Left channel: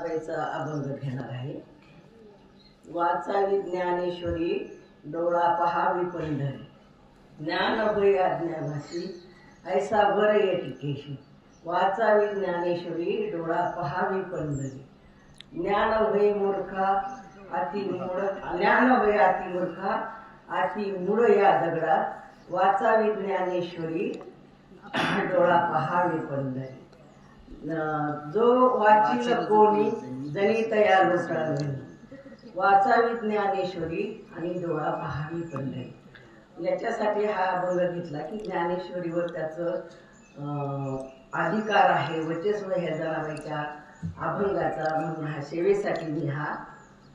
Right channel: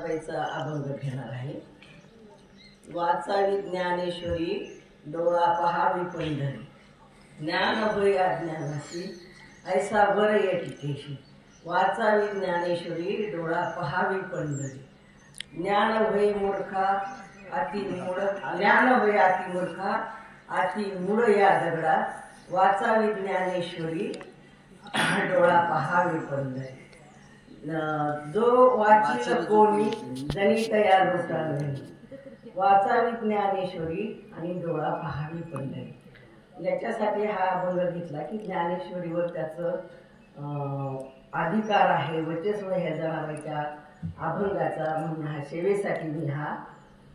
बाईचा अभंग घेणार आहे। वाचावी ज्ञानेश्वरी डोळा पहावी पंढरी, ज्ञान होय अज्ञानाशी ऐसा बर येटिकेशी। वाचावी ज्ञानेश्वरी डोळा पहावी पंढरी, ज्ञान होय मूर्खा अति मूढ, ज्ञान होय अति मूर्खा अति मूढ या दगडा। वाचावी ज्ञानेश्वरी डोळा पहावी पंढरी, जो वाचिल कोणी जनी तया लोटावे। वाचावी ज्ञानेश्वरी आणि डोळा पहावी पंढरी। याच्यासाठी हा अभंग घेतला की ज्ञानेश्वरीवर त्याचं अधिकार आहे, वर्चस्व ह्या जनाबाईच्या अभंगाचा, म्हणून हा सेवेसाठी मी हा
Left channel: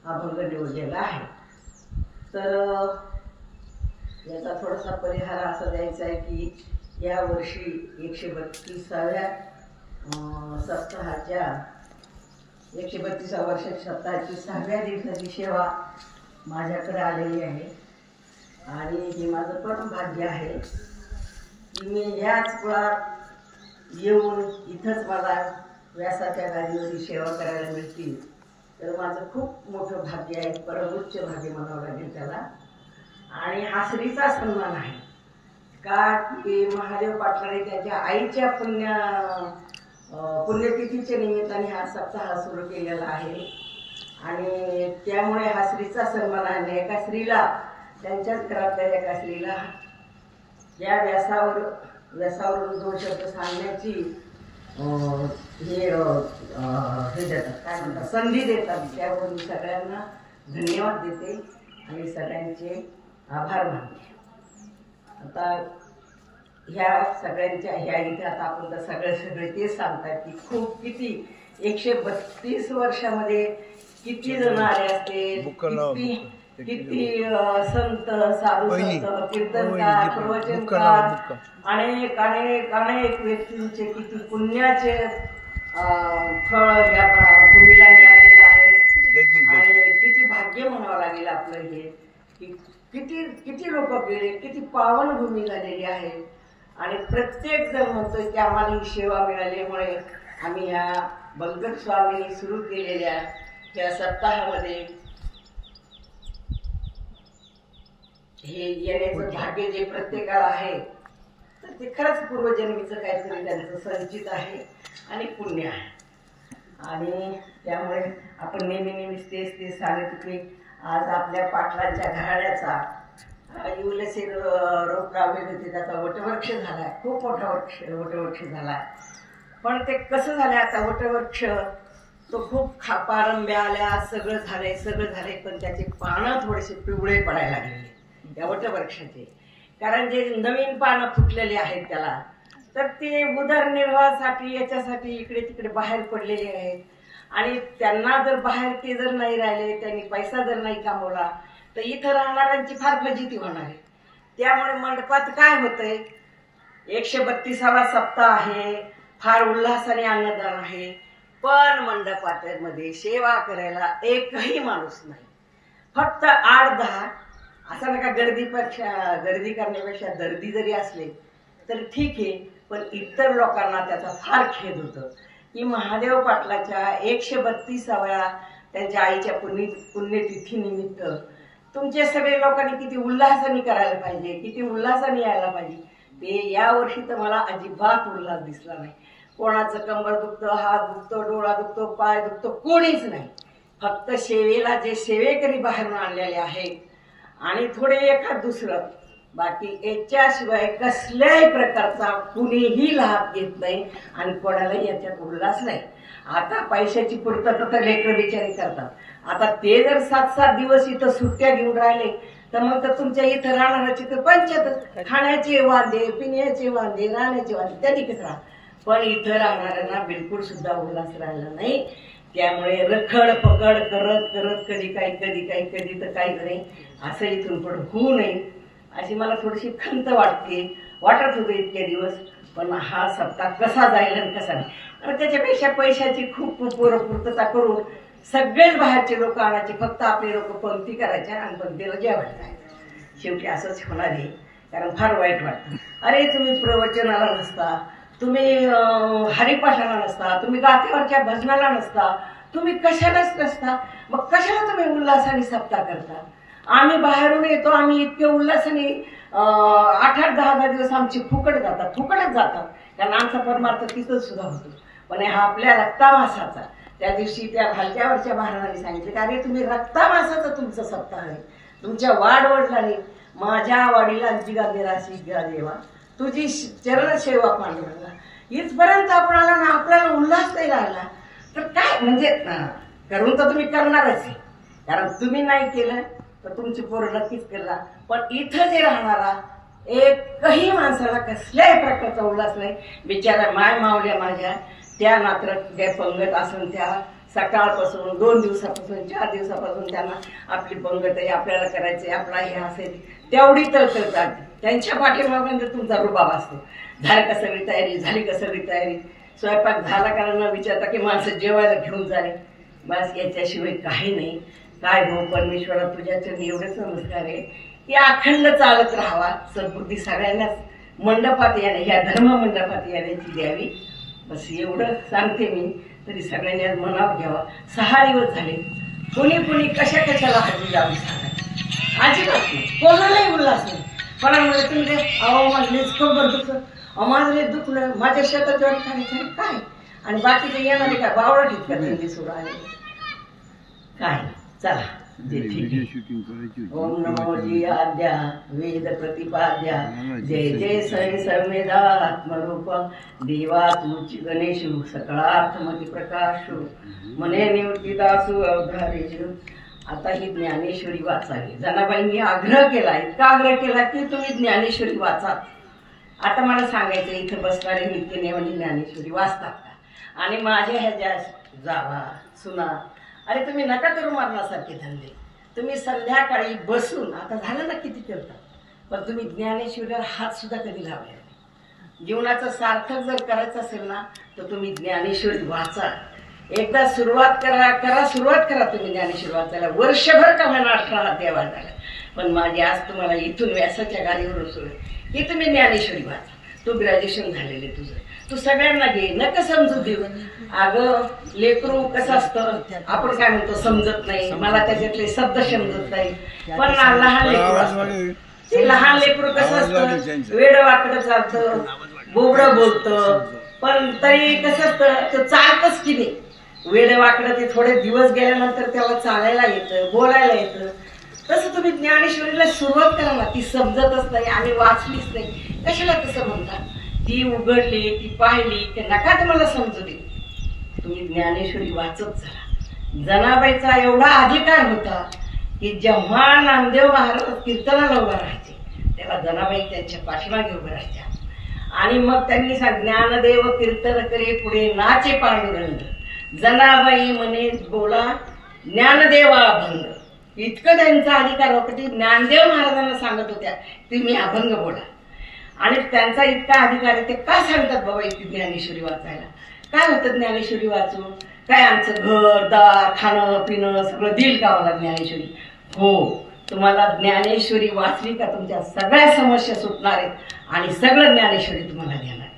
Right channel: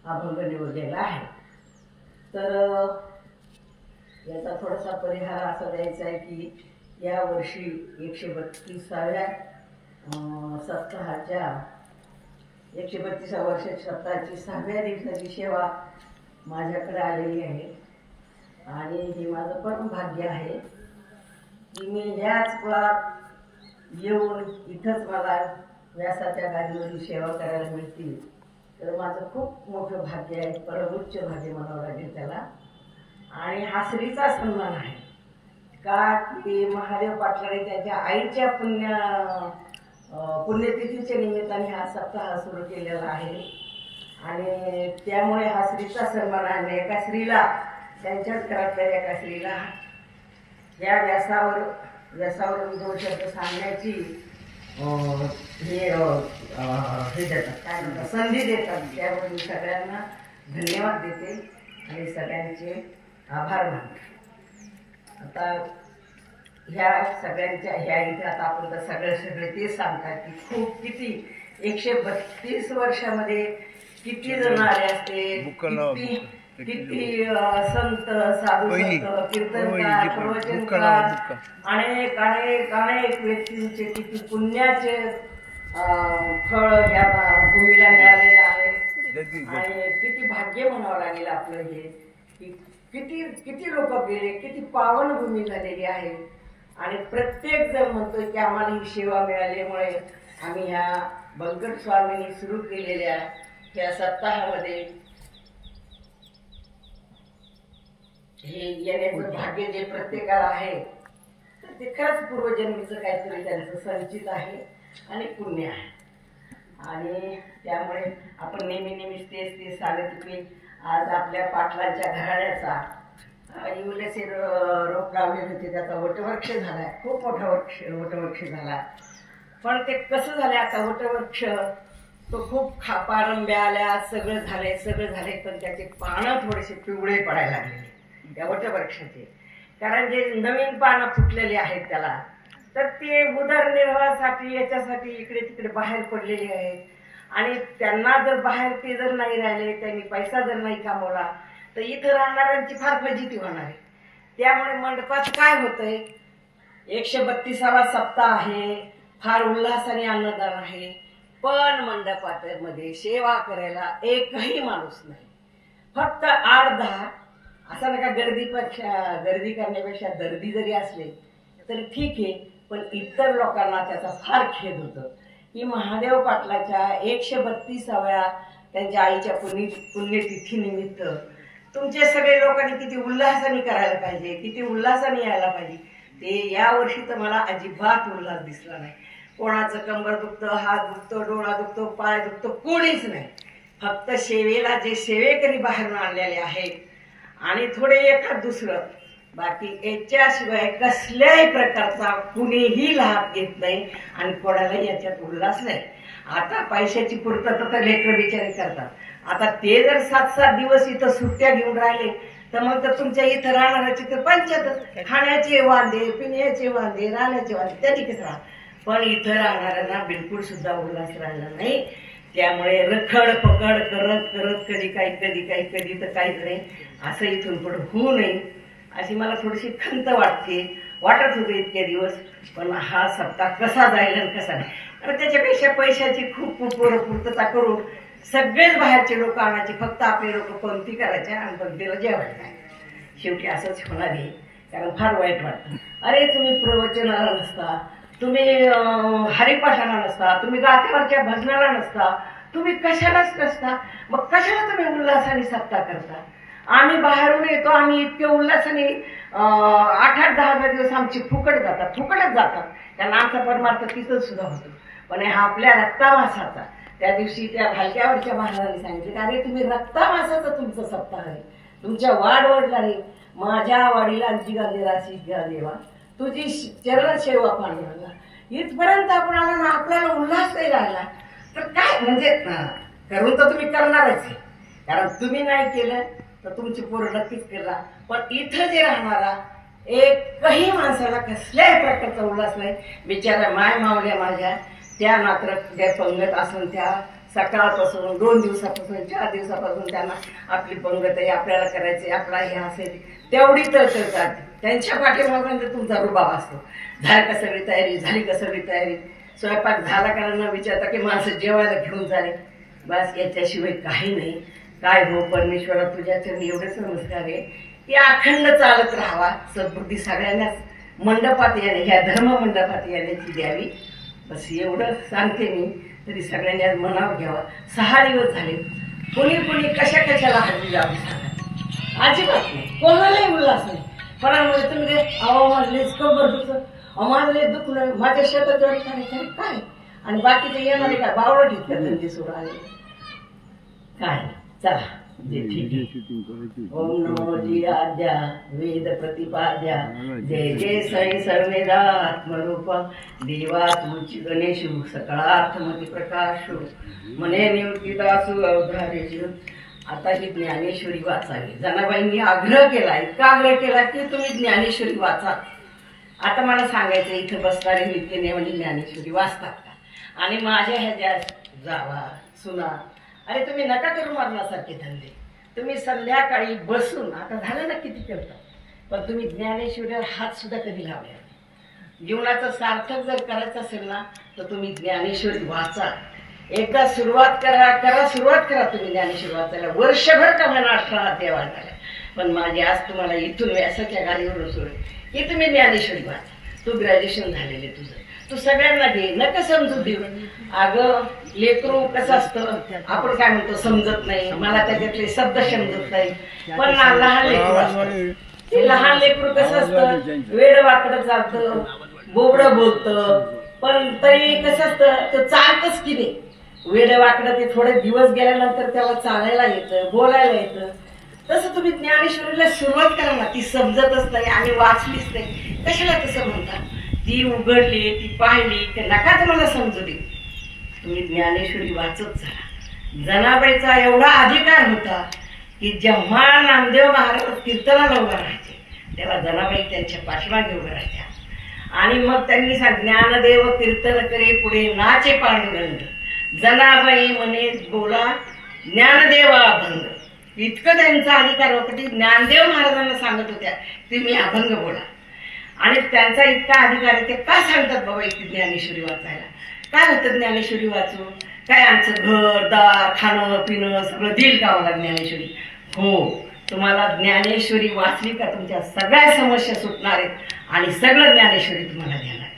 अभंग निवडलेला आहे। तर याचा थोडासा परिहार असा द्यायचा आहे की या वर्षी 132व्या सप्ताहाच्या 132व्या वर्षाच्या सप्ताहाची 6व्या दिवसाची सेवा माझ्याकडे आलेली आहे आणि हे माझं परम भाग्य आहे की मी ह्याच कुळात येऊन इथंच मला व्यासाच्या गादीवर सेवा करायला मिळते। तर माझं खूप मोठं भाग्य आहे, परमोच्च भाग्य म्हणावं लागेल त्याला। आणि हा श्रीचा सन्मान आहे का की महादेव पाटलाने त्याच्या आईच्या पुण्यतिथीच्या निमित्ताने हा सप्ताह सुरू केलेला आहे आणि त्यामुळे हा श्रीचा सन्मान आहे। एका स्त्रीला, त्यांच्याच घरातल्या एका स्त्रीला या व्यासावरून 2 शब्द सांगण्याची हे देतात, काय म्हणतात, संधी देतात। त्यामुळे मी सगळ्यांना धन्यवाद देते आणि सगळ्यांचे आभार मानते। आता ह्या सगळ्यांच्या ह्या इथे आता आपण तर सगळे तेच सांगतात की खूप किती 132 वर्षामध्ये किती जण आले असते, किती संत, साधू संत, कीर्तनकार, प्रवचनकार, अनेक अनेक अनेक व्यक्तींचे किती पुण्याचे फळ ह्या भूमीला मिळालेलं आहे आणि किती भाग्य म्हणावं लागेल आपलं हे की किती किती लोक गेले, किती पावन भूमी झालेली आहे आणि प्रत्येक जण म्हणतोय की आम्हाला ही सेवा मिळाल्यामुळे आम्ही ह्या बलगट स्वामींनी सुरू केलेल्या या सप्ताहामध्ये हे येण्याचं भाग्य जे प्रत्येकाला आहे तर ते खरंच पूर्वजन्मीचं काहीतरी त्यांचं संचित आहे आणि पुण्य आहे। आणि त्यामुळे आपण नेहमी तेच सांगत की आज आपल्या पाटलांच्या घराण्याचा इवलेसे रोप लावलेले होते, त्याचा वटवृक्ष झालाय, खूप मोठा वटवृक्ष झालाय। पण ते कसं झालंय आता वटवृक्ष तो खूप पारंब्या आल्या, सगळं झालंय, पण त्याचे पानं थोडेसे पिवळे पडायला लागलेले त्या वटवृक्षाचे, कारण जे नवीन पानं फुटलेले आहेत त्याला, तर ते उदरनिर्वाहासाठी याच्यासाठी इकडे तिकडे बाहेर पडलेले आहेत आणि त्यांना जर बाहेर ते जर नाही राहिले, त्यांनी पैसा जर नाही कमवला तर इथं राहणाऱ्यांची फार फजिती होणार आहे। त्यामुळे मंडपात काय होतंय, 132वा सप्ताह आहे, फार उल्हासाने अन्नदान आहे, पण मंडपामध्ये सेवा करायला एकही माणूस नाही, फक्त 8-10। असं नका गर्दी करण्यापेक्षा दर्दी जरी असले तर ठीक आहे, पण इतर लोकांना त्याचा फार खेद होतं की महादेव पाटलाच्या 132व्या त्यांच्या आईच्या पुण्यतिथी निमित्त तुमचे सगळे लोकांनी किती उल्हासाने करायला पाहिजे, किती उल्हासाने यायला पाहिजे। ते या वर्षी तर मला अजिबात उल्हास दिसला नाही। कोणाचं कंबर दुखतं, हात दुखतो, डोळा दुखतो, पाय दुखतो, कोणीच नाही, फक्त सेवेला जे सेवेकरी बाहेरून आणलेले आहेत आणि थोडे एखाद दुसरं, बाकी याच्याशिवाय कसल्याही प्रकारचा कुणीही लाभ घेत नाही आणि कोणाला याच्यात उल्हास नाही। आता पैशाची पूर्तता तर लेकरं बिचारे करतात, आता ते जर 7-7 दिवस इथं सुट्ट्या घेऊन राहिले तर मग तर तुमच्या इथं राहणाऱ्याची तर पंचायतच, खाण्याचे वांदे, पिण्याचे वांदे, राहण्याचे वांदे, त्याची कसं। पण इथं राहणाऱ्यांना बिलकुल सुद्धा उल्हास राहिला नाही। त्यामुळे रखड पकड करत करत कधी काही तर काहीच नाही, असं इथून पुढे होऊ नये अशी मला थोडीशी खंत वाटत होती इतके दिवस। पण हा सप्ताह कसा जाईल आणि कसा नाही, आणि त्याच्यापेक्षा पैशाची खूप पूर्तता करून सगळेच बाहेरचे लोक आणायचे, फक्त आपले लोक पंक्ती करायच्या आणि पंक्तीला जेवायला। शेवटी असंच होणार आहे, कारण फार वाईट वाटतं, अरे तुम्ही प्रवचनाला नसता, तुम्ही हरिपाठाला नसता, तुम्ही गाथेवरच्या भजनाला नसता, तुम्ही कशालाच नसता, मग कशाला तुम्ही उल्हासाने सप्ताह करता? आम्ही बाहेरून येतो, आम्ही इतके उल्हासाने 8-8, 10-10 दिवस आमची फुकटच जातात, कारण आमचा परमार्थ तिथंच सुद्धा होतो. पण हा आपल्या रक्तामासाचा, त्या दिवशी त्या भालक्यावरच्या महाराजांनी सांगितलं, अरे तुम्ही रक्तामासाचा तुमचा सप्ताह आहे, तुमच्या वाडवडिलांनी माझ्या वाडीला निराशी देवा तुझी चरण सेवा पांडुरंगा, इथपर्यंत आपण आला ना, आपल्याला उल्हास नाही राहिला तर काय म्हणजे करून तर तुम्ही करणारच आहे, कारण तुम्ही नाही केलं तर तुमची पोरं नक्कीच करणार. पण इथं जे राहणारा एकही माणसाला कसल्याही प्रकारचा उल्हास नाही. बिचारा माय मावल्या माझ्या त्या मात्र त्या पंगत असून त्या सकाळपासून 2 दिवसापासून 4 दिवसापासून त्यांना आपली पंगत आहे, आपल्याला करायचंय, आपला हे असेल तेवढी तळतळ चालते. त्यांच्या पाठीमागे तुमचा रुबाब असतो. झाली का सगळी तयारी, स्वयंपाक झाला का न विचारता की माणसं जेवायला घेऊन झाले, बस याच्याशिवाय काही नाही. काय भाऊ परमेश्वरा तुझ्या चरणी एवढेच नमस्कार आहे की अखंड चालत राहावा, सद्बुद्धी सगळ्यांनाच मंडपात येणे, ह्या धर्म मंडपात येण्याची द्यावी, बस एवढं सांगते मी. तरी सगळ्यांनी आज मनावर घ्यावा. 6 दिवस झाले, कोणी कशाला हजरी लावली सांगा, अजिबात नाही, कोणालाही उल्हास नाही. पण तुम्ही माझं कंबर दुखलं, माझं दुखलं, माझ्या शेतात जरी करायचं काय, आणि बाकीचे येणारे काय बावळट इतकं त्यांनी सुरू आले काय. चला ओम नमो जी आद्या वेद प्रतिपाद्या जय जय सई सर्वेदात्मरूप देवा तुची गणेशु सकळार्थमती प्रकाशु मने निवृत्तीदासु अवधारेशु. आता ही ज्ञानेश्वरी वाचावी. जनाबाईंनी आग्रह केला, इतका आग्रह केला की तुम्ही ज्ञानेश्वरी वाचा. आता मला सांगायचं, इथे बसणारे नित्यनेमाने ज्ञानेश्वरी वाचतात का? आणि माझ्या ह्याच्या जावा सुना, अरे तुम्ही नका करू मरणासारखे धंदे. तुम्ही संध्याकाळी बसून, आता झालं ना किती करतात, पण तुम्ही ज्ञानेश्वरीवर हात सुद्धा कधी लावले नाही. जीवनाचं सार्थक जर करायचं असेल ना तर तुम्ही ज्ञानेश्वरी वाचा. एकदा सुरुवात करा तुम्ही ज्ञानेश्वरी वाचायला. वर्षभर का म्हणा 18 देवा झाला, पण माझी आज तुम्हाला इथून व्यासाच्या गाडीवर सोडले की तुम्ही ज्ञानेश्वरी वाचा. तू ग्रॅज्युएशन झालेले तुझं, तू सगळ्यांना घे, नका समजून देऊ. अगं लेकरू कसं असतं, आपण काय म्हणतो समजत नाही, मला त्याच्यातले शब्द समजत नाही, पण लहान लेकरू असतं, ते लहान लेकरू कसं असतं, वेड वाकडं चालतं, बोबडं बोलतं, पण तरी कसं असतं ते चालतच की नाही. वेड वाकडं ते थोडे दिवस गेल्यानंतर त्याला चालायला येतं, बोलायला येतं. तसं तुम्ही ज्ञानेश्वरीला सुरुवात करा ना, ती समजतच नाही आणि वाचलीच नाही, कशाला तसं म्हणता? ती उघडली, ती पाहिली, ते नका तुम्हाला समजू दे, तुम्ही ज्ञानेश्वरी वाचत चला. जनाबाईचा एवढा अधिकार होता की जेव्हा नामदेव महाराज कीर्तनाला उभा राहायचे तेव्हा जनाबाई त्यांच्या पाठीमागे उभ्या राहायच्या. आणि मग त्यांनी ज्ञानदेव कीर्तन करे पुढे नाचे पांडुरंग, जनाबाई म्हणे बोला ज्ञानदेवा अभंग. इतकं त्यांचा अधिकार होता की ज्ञानदेव महाराजांना सांगत होत्या तुम्ही अभंग बोला. आणि त्यांचा इतका अधिकार आहे, ते का सांगतात बाबा इतकी ज्ञानेश्वरी वाचायला? काय होतं ज्ञानेश्वरी वाचून? काय आमचं घर दार खाणं पिणं सगळं देईल का मला ज्ञानेश्वरी? हो, तुम्हाला ज्ञानेश्वरी वाचली का तुमच्या सगळ्या समस्या सुटणार आहेत आणि सगळं ज्ञानेश्वरी तुम्हाला देणार आहे.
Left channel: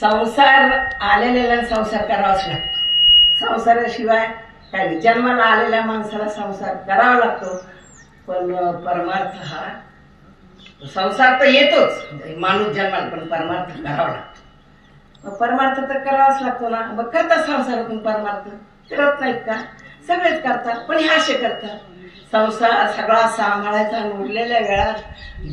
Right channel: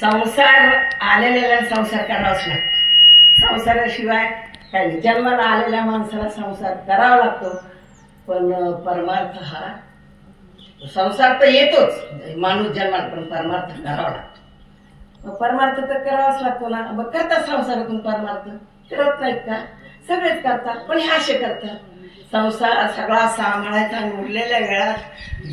संसार आलेल्या संसार करावाच लागतो, संसाराशिवाय काही. जन्माला आलेल्या माणसाला संसार करावा लागतो, पण परमार्थ हा संसार तर येतोच, माणूस जन्माला, पण परमार्थ करावा लागतो. परमार्थ तर करावाच लागतो ना. मग करतात संसारातून परमार्थ, करत नाहीत का? सगळेच करतात, पण हे असे करतात. संसार सगळा सांभाळायचा, उरलेल्या वेळात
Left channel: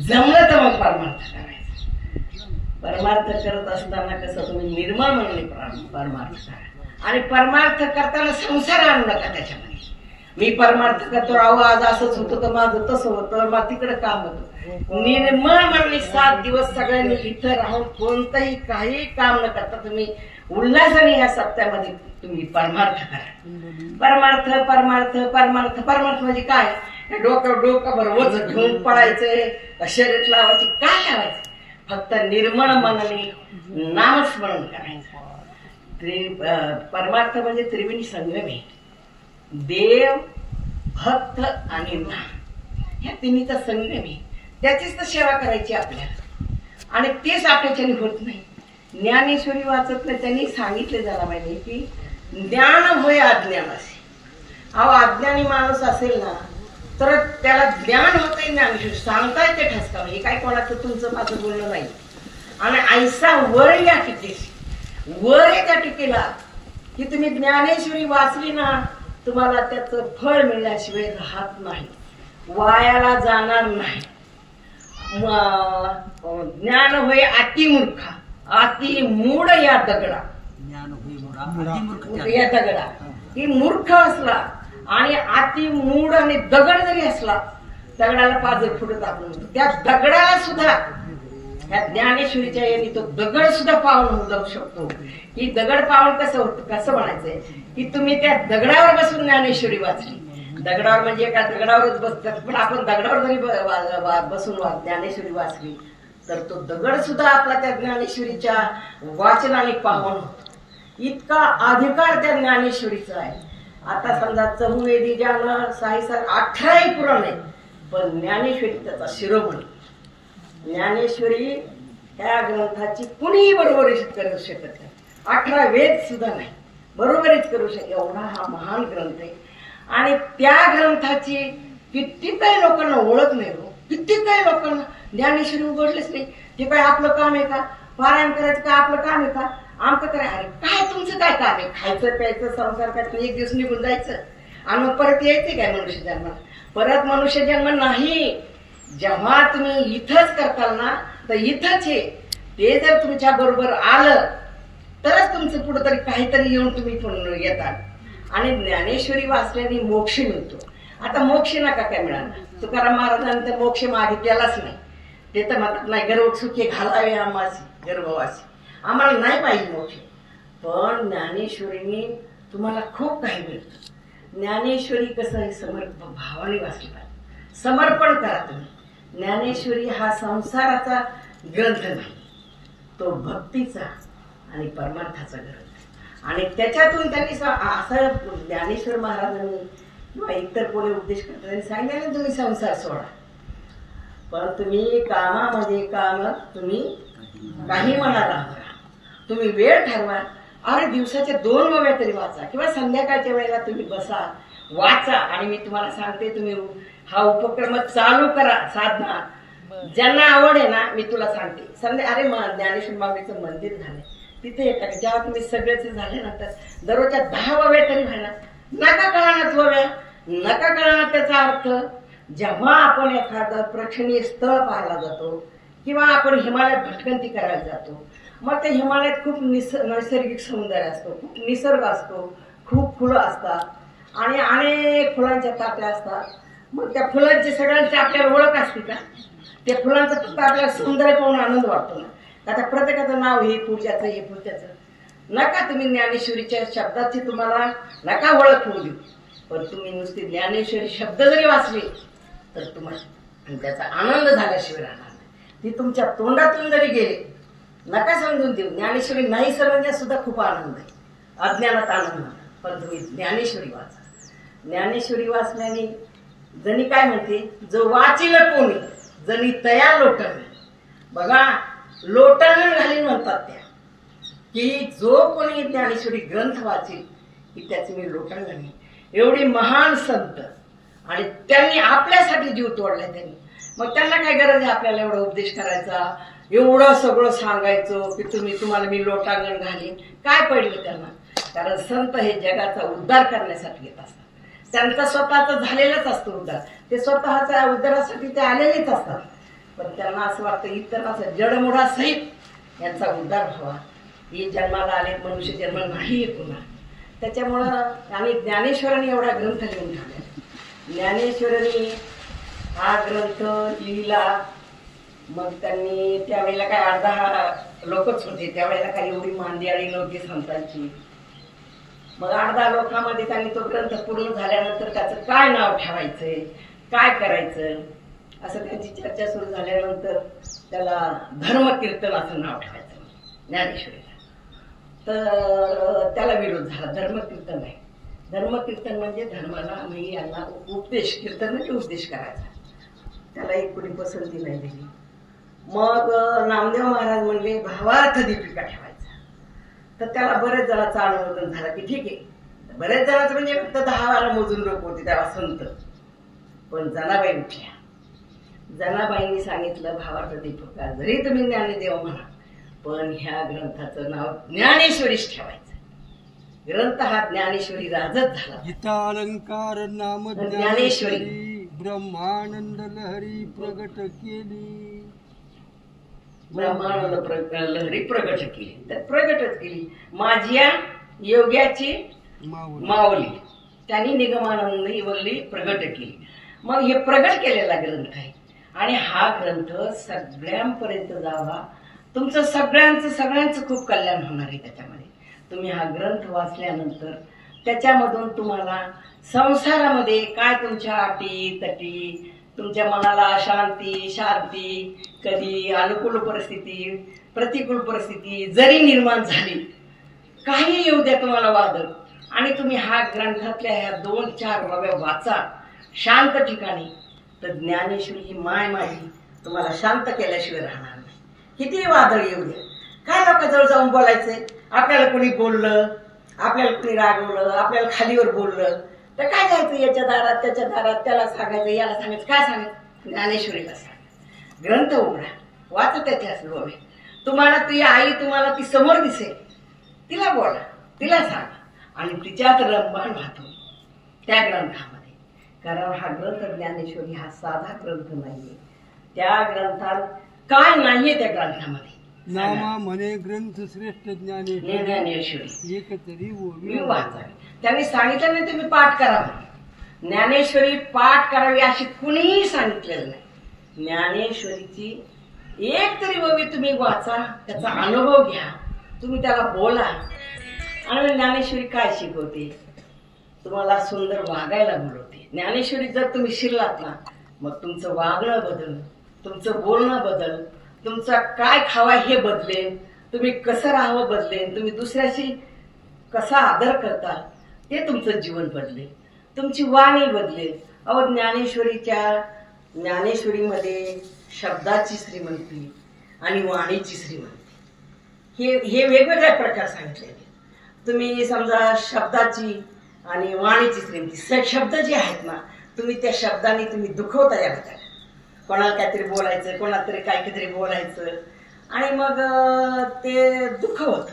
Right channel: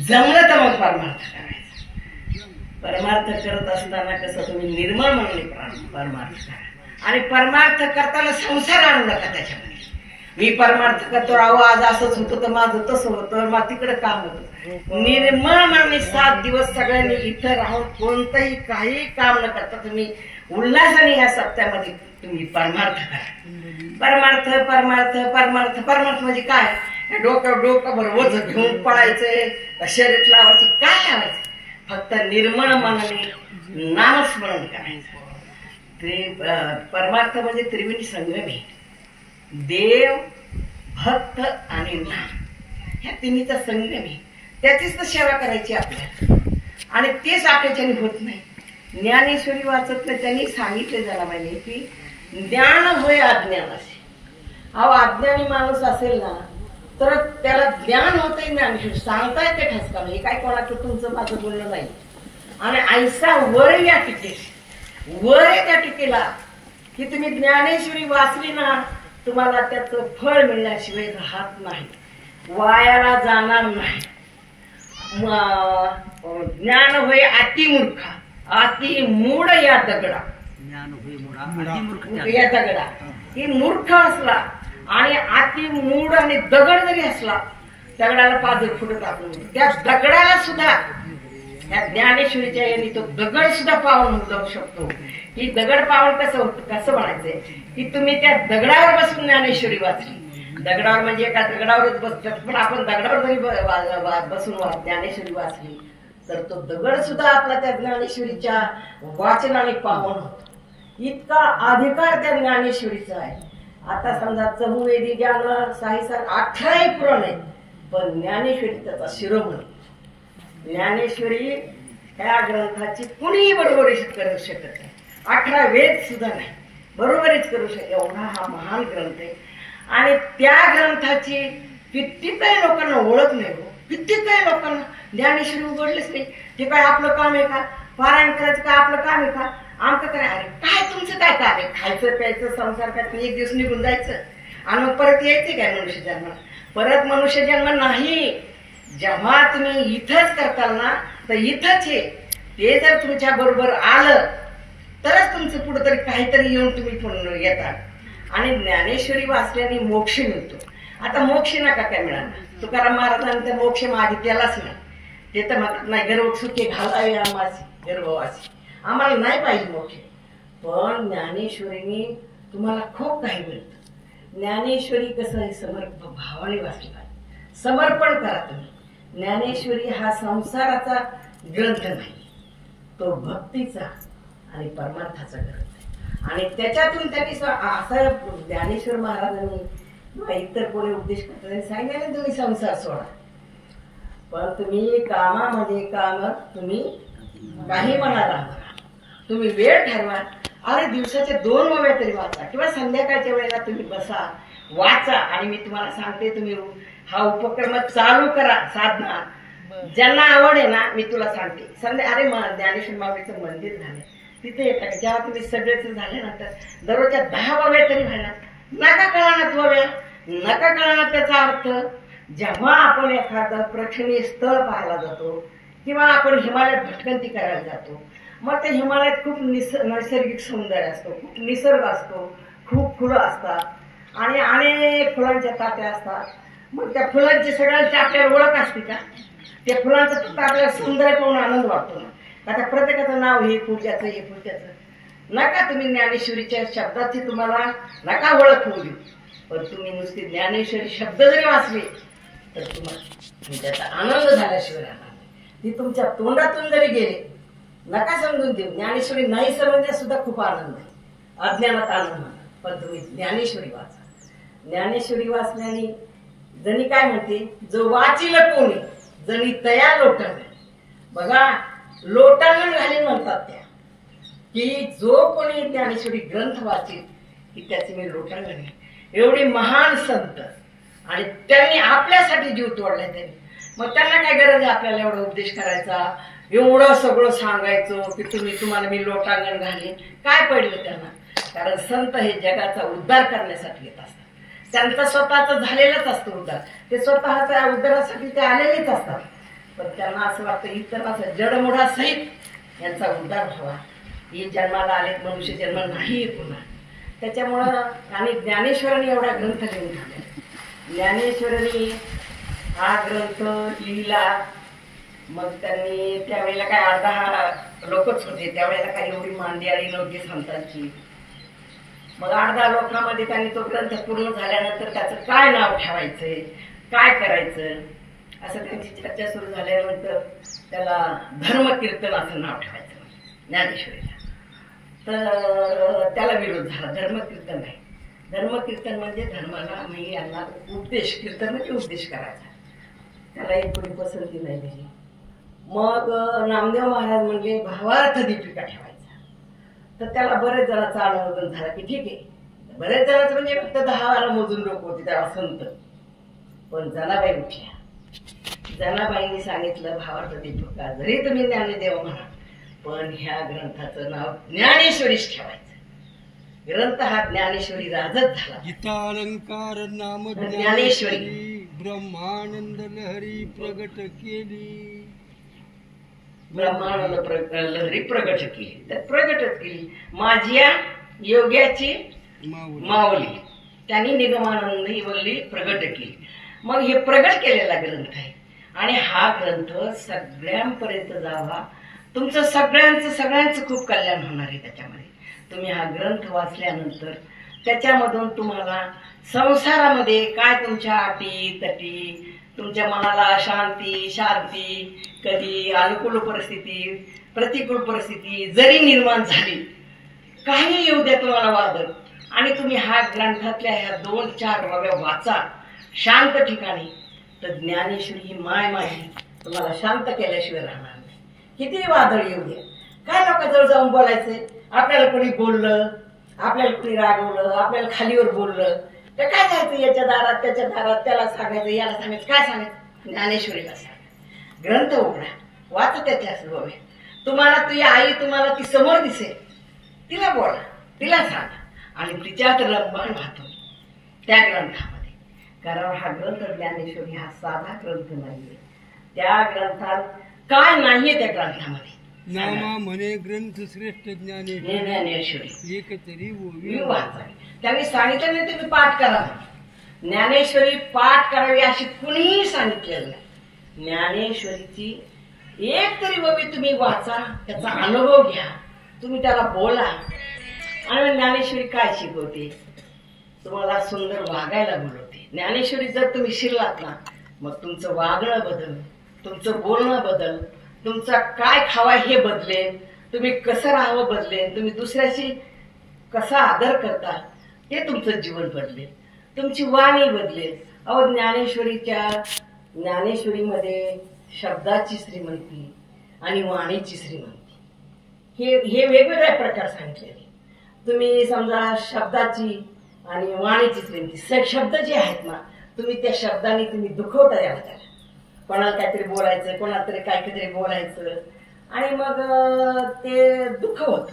जमलं तर मग परमार्थ करायचा. परमार्थ करत असताना कसं तुम्ही निर्मळ म्हणून परमार्थ करा. आणि परमार्थ करताना संसार आणू नका त्याच्यामध्ये. मी परमार्थ करतो, अहो आज असंच होतं तर माझं तसं होतं, मग तिकडे काम होतं. निर्मळ म्हणून 7 दिवस सगळ्यांनी इथं राहून कोणतंही काही काम न करता तुम्ही उल्हासाने ह्या सप्त्यामध्ये तुम्ही परमार्थ करा. परमार्थ परमार्थ परमार्थ परमार्थ म्हणजे काय? डोकं वज घेऊन पडायचंय, शर्यत लावायची, काय करायचं? फक्त निर्मळ मनाने नामस्मरण करायचं. परमार्थ म्हणजे त्रिवेणी संगमे, देव भक्त आणि नाम, ह्या तिन्हीचा संगम. त्याचीच तर सेवा करायची आपल्याला, आणि तेच आपल्याच्याने होत नाही. ज्ञानेश्वरी वाचत नाही. त्यांनी सांगितले जनाबाईंनी की ज्ञान होय अज्ञानाशी. अहो अज्ञानी माणूस असेल ना तर त्याला ज्ञान होते ज्ञानेश्वरी सांगताय ते ठसका. हे काय कोणाचं तुमचं माझं बोलणं नाही. आणि ऐसा वर या टीकेशी, वर आहे त्या टीकेला की तुम्ही ज्ञानेश्वरी वाचली ना तुम्हाला त्याचं फळ मिळण्याशिवाय राहत नाही, वायाला जाणार नाही. ज्ञान होय अतिमूर्खा, अति मूढ या दगडा. या दगडा ही मूर्ख असला आणि अति मूढ आणि दगड जरी असला, दगडाला पाजर फुटत आपण त्या दगडाला सुद्धा ह्या ज्ञानेश्वरीच्या यांनी तो दगड सुद्धा पावन जाऊ शकतो. ही दगड पावन कसं होतं, कसं म्हणायचंय की तुम्ही त्या दगडावर बसून ज्ञानेश्वरी वाचली. दगडावर म्हणजे एका दगडावरच बसतात, पण आपण दगडावर जरी बसून ज्ञानेश्वरी वाचली तर तो दगड सुद्धा आपला त्या ज्ञानेश्वरीच्या वाचनाने पावन होतो. इतका अधिकार त्या ज्ञानेश्वरीचा आहे. आता समजा चहुवेदी ज्ञान साहिसार 18 पुराण आहे, पण ज्ञानेश्वरी त्याचा शिरोमणी. ज्ञानेश्वरी ह्या ग्रंथाची कुणीही बरोबरीच करू शकत नाही. 18 वेद सुद्धा नाही बरोबरीच करू शकत, एवढा हा महान ग्रंथ आहे. आणि त्या ग्रंथाची कित्येक लोकांना ओळख नाही हो. कित्येक लोकांना ज्ञानेश्वरी उघडलीच नाही. हे काय आपलं काम आहे का? पारायण करायचं काय आपलं काम आहे का? आमचं काय? अरे काय तुमचं काय काम आहे? खायचं प्यायचं संसार करायचं, एक दिवस निघून जायचं आणि मग परत यायचे काय मनुष्य जन्म? परत मनुष्य जन्म नाही. जेव्हा तुम्ही इथंच करताल ना तर इथंच आहे. ते जर तुमच्या बरोबर आलं तरच तुमचं पुढे तरी काहीतरी येऊन तुम्ही पुन्हा येतात. आणि ज्ञानेश्वरी वाचल्याने मोक्ष मिळतो. आता मोक्ष नका काय मिळाला. तुकाराम महाराजांनी तर मोक्ष मागितलेलाच नाही. ते तर म्हणतात नाही गर्भसुखे घालावे आम्हाची गर्भवासी, आम्हाला नाही पाहिजे मोक्ष. पण ज्ञानेश्वरीने तुम्हाला खूप काही मिळतं. ज्ञानेश्वरी कसं आहे, समर्पण भावाने वाचली पाहिजे. समर्पण करा तुम्ही. ज्ञानेश्वरी हा संसाराचा ग्रंथ नाही, तो भक्तीचा आणि परमार्थाचा ग्रंथ. आणि त्याच्यातून त्यांनी असं ज्ञानेश्वर महाराजांनी किंवा इतर कोणी उपदेश करतात त्यांनी सांगितलं तुम्ही संसार सोडा, पण तुम्ही कामामध्ये काम तुम्ही काही म्हणाला, तुम्ही वेळ ठरवा. अरे दिवसाचे 2 वेळा तरी वाचा किंवा संध्याकाळच्या वेळेला तुम्ही बसा वाचा. आणि मी तुम्हाला सांगते तुम्ही हा उपक्रम चालू करा. साधना ज्यांना आवड आहे ना, मी तुला सांगते अरे ज्ञानेश्वर माऊलीचं मंदिर झालंय तिथे येतात. जेव्हा तुम्ही सगळेच झाल्यानंतर दररोजच्या 10 वेळा तरी व्हायला नका कळणार. वेळ नका कळणार त्याचा अर्थ. जेव्हा आपण एखादं प्रेक्षणीय स्थळ पाहायला जातो किंवा आपण हिमालयात भटकंती करायला जातो, मग त्या हिमालयात खूप नैसर्गिक सौंदर्य असतो, खूप निसर्ग असतो, खूप फुलं असतात आणि अनेक फुलांच्या ताट्या असतात. मग त्या फुलांची सगळ्यांची आपल्याला ओळख असते का? त्या फुलांचं फक्त आपल्याला सौंदर्य पाहून आनंद वाटतो ना. आता प्रत्येकाचं नाव हे पूजाचं हे पूजाचं नका. तुम्ही ज्ञानेश्वरीच्या शब्दाची तुम्हाला नका ओळख होऊ देऊ, पण तुम्ही नुसती ज्ञानेश्वरी शब्द जरी वाचले तर तुम्हाला त्याचा आनंद झाल्याशिवाय राहणार नाही. ती तुमच्या तोंडातून जरी गेले नका समजून देऊ. ज्ञानेश्वरी नाही समजण्यात सुद्धा खूप आनंद आहे, अज्ञानात आनंद. पण तुम्ही ज्ञानेश्वरी वाचा. ज्ञानेश्वरी वाचल्याने जणी काय म्हणते, जो वाचिल कोणी जणी तया लोटंगण. बघा लोटांगण घालीन म्हणतात त्या, की जो कोणी ज्ञानेश्वरी ग्रंथ वाचेल की त्याचे मी लोटांगण आहे. एवढी महान संत आणि त्यांनी आपल्यासाठी जीव तोडला त्यांनी. मग त्यांना काय गरज आहे आपल्याला एवढा उपदेश करायचा, एवढं सगळं सांगायचं की तुम्हाला मी लोटांगण घालीन? काय पडलं त्यांना? कारण संत हे जगाचा उद्धार करण्यासाठी येत असतात. त्यांचा स्वतःचा झालेलाच असतो उद्धार, ते स्वतःच्या उद्धारासाठी ते आलेलेच असतात. पण त्यांना असं वाटतं इतरांचा जडमुडा सहित यांचा उद्धार व्हावा. हे जन्माला आले मनुष्य जन्म नाही पुन्हा. त्याच्यामुळं आणि ज्ञानेश्वरांनी एवढा ग्रंथ लिहून ठेवला. ज्ञानेश्वरांनी हा ग्रंथ लिहिला. मग त्यांनी त्यावेळेला काय 8-10 लोकच होते त्यावेळेला, काही एवढी मांदियाळी नव्हती संतांची. मग 8-10 लोकांमध्ये त्यांनी तो ग्रंथ पूर्ण झाल्यानंतर त्याचं काय नाव ठेवायचंय, काय करायचं असं त्यांची चर्चा सुरू झाल्यानंतर त्याला धर्मकीर्तन असं नाव ठेवायचं ज्ञानेश्वरीला. तर त्याला विरोध झाला. धर्मकीर्तन आहे, धर्मकीर्तन म्हणजे धर्माला मी यांना उपदेश, कीर्तन म्हणजे उपदेश करायचा. त्याला एक कोणी पसंती नाही दिली. मग नामदेव महाराज म्हणले भावार्थ दीपिका ठेवायचा. तर त्याला बरेच जणांचं अनुमोदन झालं की ठीक आहे. बरेच जणांचं म्हणजे फक्त 10-12 मोजून लोक होते तेव्हा संत. पण जनाबाई उठल्या. जनाबाईंनी सांगितलं, भावार्थ दीपका जरी तुम्ही ज्ञानदेव म्हणा, पण ह्या ग्रंथाचं नाव ज्ञानेश्वरीच ठेवायचं. ग्रंथ हा ज्ञानेश्वरी राजच झाला. गीता अलंकार नाम ज्ञानेश्वरी ब्रह्मानंद लहरी प्रगट केली. ब्रह्मानंद लहरी प्रगट केली. तर प्रगटच केली माझ्या योग्याची माऊली, त्यांनी निगमानंदी वल्ली प्रगट केली. मग हे प्रगट केलेला ग्रंथ आहे आणि हा ग्रंथ सगळ्यांपर्यंत जावा. तुमचं सगळ्यांचं खूप कल्याण होणार आहे त्याच्यामध्ये. तुम्ही हा ग्रंथ वाचल्यानंतर त्याच्यामधून तुम्हाला संसारामध्ये काय तुमच्या अटी तटी, तुमच्या मनाला शांती, कधी अनुकूल परिस्थिती, प्रतिकूल परिस्थिती जरी निर्माण झाली, काही येऊ द्या तुम्हाला वादळ, आणि तुम्ही हा ग्रंथातल्या ह्या 2-4 बाब्या वाचा शांत ठिकाणी, तर ज्ञानेश्वरी ही माय माझी तुम्हाला शांत केल्याशिवाय राहणार नाही. किती वादळ येऊ द्या. काय लोकांजवळ जाऊन बोलायचंय? आपल्याला कोणी बोललं, आपल्याला कोणी रागवलं, आपल्याला खालीवर बोललं तर काय जायचं याच्या दारात त्याच्या दारात, त्याला सांगायचं याला सांगायचं, काय सांगायचं? ज्ञानेश्वरीला सांग. ग्रंथ उघडा, वाचा त्याच्या बाबा. तुम्हाला तुझी आई तुम्हाला ती समोर दिसेल, तिला बोला, तिला सांगा आणि तिच्यात रंबान वाहतो त्या ग्रंथामध्ये. कारण हा ग्रंथ ज्ञानेश्वरी हा साधा ग्रंथ नाहीये. त्या ग्रंथात काय नाहीये त्या ग्रंथामध्ये. नामा म्हणे ग्रंथ श्रेष्ठ ज्ञानेश्वरी एक तरी वाचावी. त्यांनी सांगितलं नाही तुम्ही पाठ करा, ज्ञानेश्वरी पाठ करावी अशी कुणीही सांगितलेलं नाही. ज्ञानेश्वरीची एक तरी ओवी तुम्ही वाचा, त्याचा अनुभव घ्या, तुम्ही त्याला बोला. आणि ज्ञानेश्वरी काय शिकवते? तुम्हाला सुंदर वागायला बोलवते. ज्ञानेश्वरी जर तुम्ही शिरलात ना, मग तुमचं वागणं बदल, तुमचं बोलणं बदल, तुमचा काय खावा हे बदलेल, तुम्ही कसं राहावं बदलेल, तुम्ही दुसऱ्याशी कसा आदर करता हे तुमचं जीवन बदलेल, तुमची वाणी बदलेल. अहो ज्ञानेश्वरीमध्ये शब्दाची श्रीमंती आणि वाणीची श्रीमंती हे वेगवेगळ्या प्रकार सांगितलेले. तुम्ही समजा शब्दाची आणि वाणीची श्रीमंती, शब्द जे आहेत ना, तुम्ही त्या शब्दाने तुम्ही दुखवता यावं त्याला. कोणाला काहीतरी बोलायचं, कोणाला तरी काहीतरी बोलायचं आणि मग ते दुःख होतं.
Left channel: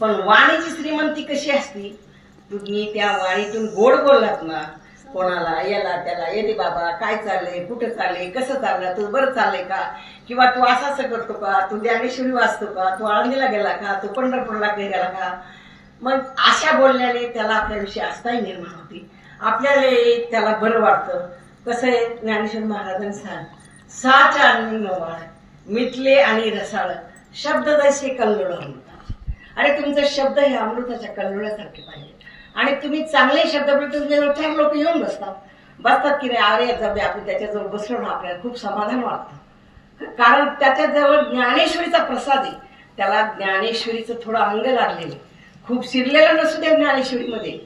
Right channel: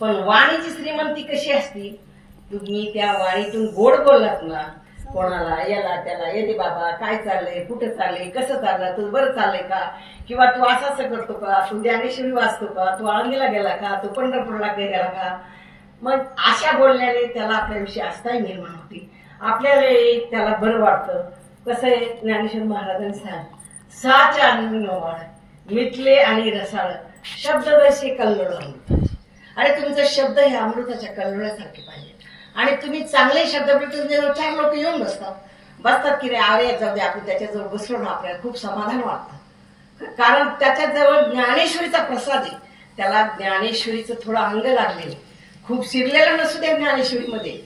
पण वाणीची श्रीमंती कशी असती? तुम्ही त्या वाणीतून गोड बोललात ना, कोणाला याला त्याला, येते बाबा काय चाललंय, कुठं चाललंय, कसं चाललंय, तू बरं चाललंय का, किंवा तू असं करतो का, तू ज्ञानेश्वरी वाचतो का, तू आळंदीला गेला का, तू पंढरपूरला गेला का. मग अशा बोलण्याने त्याला आपल्याविषयी आस्थाही निर्माण होती, आपल्याला त्याला बरं वाटतं. कसं आहे, ज्ञानेश्वर महाराजांनी सांग, 6 अन्न मिटले आणि रसाळ शब्द जसे कल्लोळ अमृत. आणि तुमचे शब्द हे अमृताच्या कल्लोळासारखे पाहिजे. आणि तुम्ही चांगले शब्द बोलतो, 4 लोक येऊन बसतात की रे अरे जाऊ दे, आपण त्याच्याजवळ बसलो ना आपल्याला खूप समाधान वाटतं. कारण त्याच्याजवळ ज्ञानेश्वरीचा प्रसाद आहे. त्याला ज्ञानेश्वरीचं थोडं अंग लागलेलं, खूप शिरलेलं नसू द्या ज्ञानेश्वरीमध्ये,